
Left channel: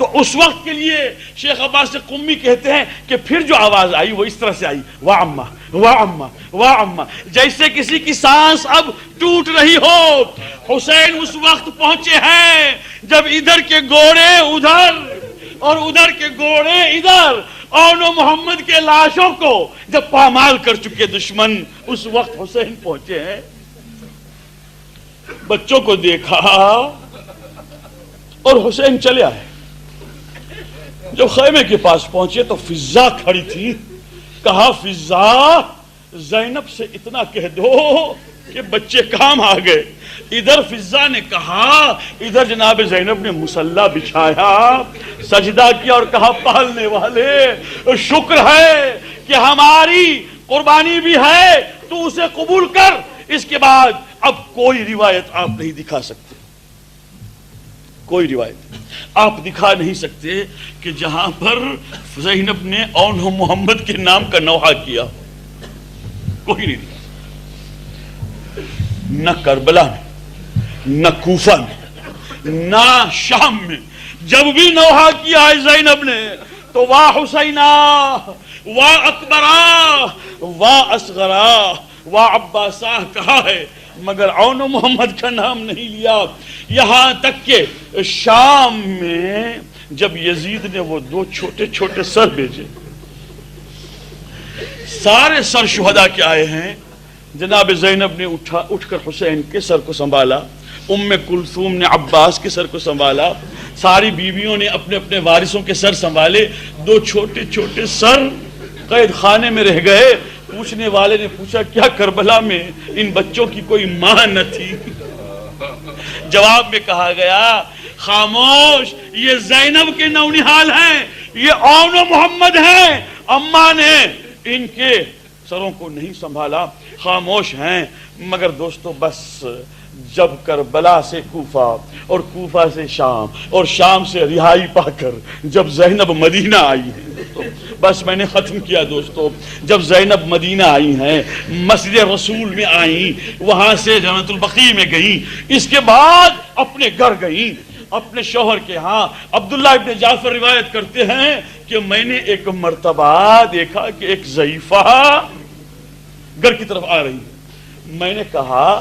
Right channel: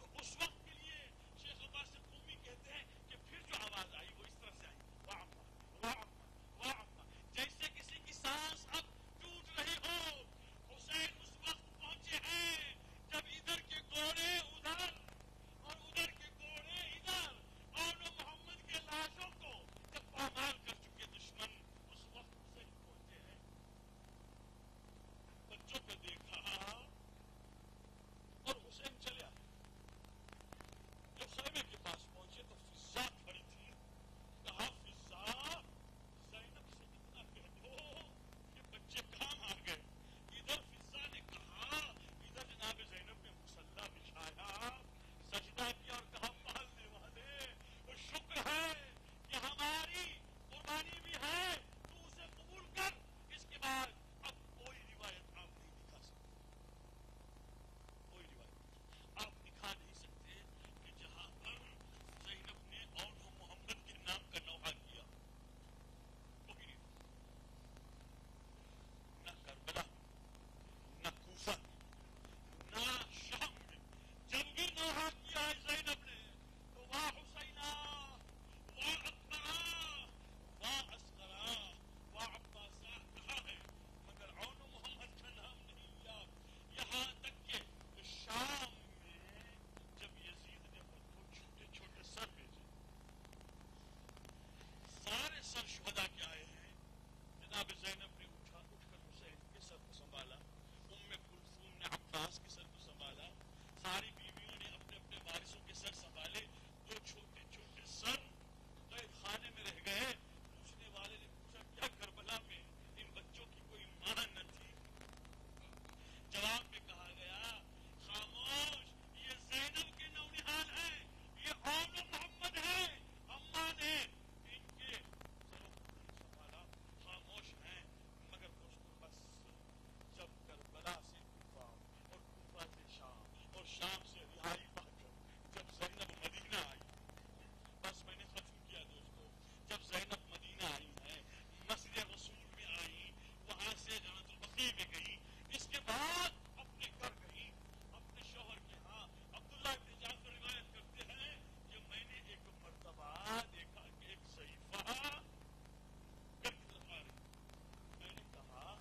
تو اس وقت کے لیے شیخ عباس قمی کہتے ہیں کہ پھر جو آواز آئی وہ اس طرح سے آئی، واہ اماں واہ اماں واہ اماں، جیسے کسی کی سانس اب ٹوٹ رہی ہو۔ حسین اس وقت پہنچے ہیں جب ادھر کے گھوڑے ادھر اور ادھر کے گھوڑے ادھر، اون و محمد کے لاشوں کو جب پامال کر چکے دشمن، اس وقت حسین پہنچے ہیں۔ بچوں کو دیکھا اور حسین چلے آئے۔ جب خیمے کے پاس پہنچے تو فضا کھڑی تھی، کہا فضا زینب سے اتنا کہہ دو کہ بچے کام آ گئے۔ ادھر فضا نے کہا، ادھر جناب زینب نے مصلی بچھایا، سجدہ کیا اور کہا پالنے والے شکر ہے کہ ہماری قربانی بھی ہے، تو اسے قبول کر۔ اس کے بعد اب کوئی روایت آپ نہیں دکھا سکتے، کوئی روایت آپ دکھا نہیں سکتے کہ جہاں پر زینب نے اون محمد کے نام کا نوحہ کیا، کوئی نہیں دکھا، نہ کربلا میں، نہ کوفہ میں، نہ شام میں۔ جب بھی نوحہ کیا ہے زینب نے تو واہ حسینہ واہ اکبرہ واہ اصغرہ واہ عباسہ کہا ہے، مگر اون محمد کا نام نہیں لیا۔ یہاں تک کہ شام میں جب یزید نے وہ 2 چھوٹے چھوٹے سر بھیجے، سارے سر شہداء کے آئے ہیں، جناب زینب نے اٹھ کر حسین کے سر کو سنبھالا، ام کلثوم نے عباس کے سر کو سنبھالا، ساری بیویوں نے اپنے اپنے وارثوں کے سر سنبھالے، 2 چھوٹے چھوٹے سر قید خانے میں رہ گئے۔ پوچھنے والے نے پوچھا کیا کربلا میں ان بچوں کی کوئی ماں نہ تھی؟ جواب میں کہا گیا خاموش، یہ زینب کے نونہال ہیں، یہ اون و محمد ہیں، اماں نے ان کے سروں کو نہیں سنبھالا، خاموش ہیں۔ مگر دوستو بس جب کربلا سے کوفہ اور کوفہ سے شام اور شام سے رہائی پا کر جب زینب مدینہ آئی ہے، بس میں نے ختم کیا دوستو۔ جب زینب مدینہ آئی ہیں، مسجد رسول میں آئیں، وہاں سے جنت البقیع میں گئیں، اس کے بعد اپنے گھر گئیں، اپنے شوہر کے ہاں۔ عبداللہ ابن جعفر روایت کرتے ہیں کہ میں نے ایک مرتبہ دیکھا کہ ایک ضعیفہ گھر کی طرف آ رہی، میں نے کہا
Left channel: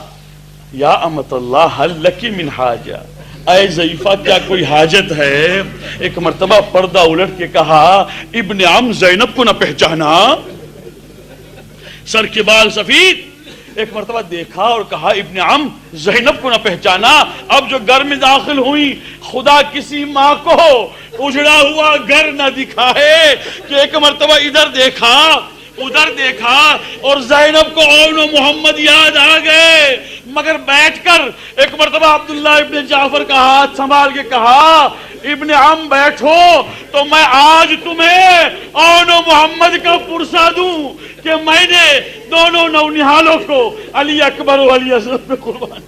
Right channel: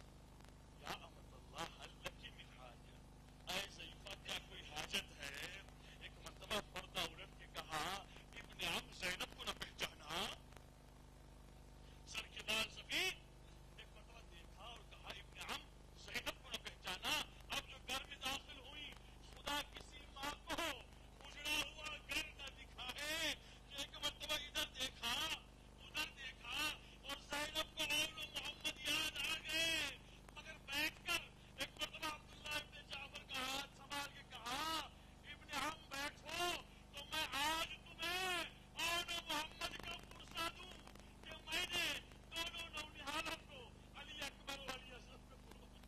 یا امت اللہ حل لکی من حاجہ، اے ضعیفہ کیا کوئی حاجت ہے؟ ایک مرتبہ پردہ الٹ کے کہا ابن عم زینب کو نہ پہچانا، سر کے بال سفید۔ ایک مرتبہ دیکھا اور کہا ابن عم زینب کو نہ پہچانا۔ اب جو گھر میں داخل ہوئی، خدا کسی ماں کو اجڑا ہوا گھر نہ دکھائے کہ ایک مرتبہ ادھر دیکھا ادھر دیکھا اور زینب کو اون و محمد یاد آ گئے، مگر بیٹھ کر ایک مرتبہ عبداللہ ابن جعفر کا ہاتھ سنبھال کے کہا ابن عم بیٹھو تو میں آج تمہیں اون و محمد کا پرسہ دوں کہ میں نے دونوں نونہالوں کو علی اکبر و علی اصغر پہ قربان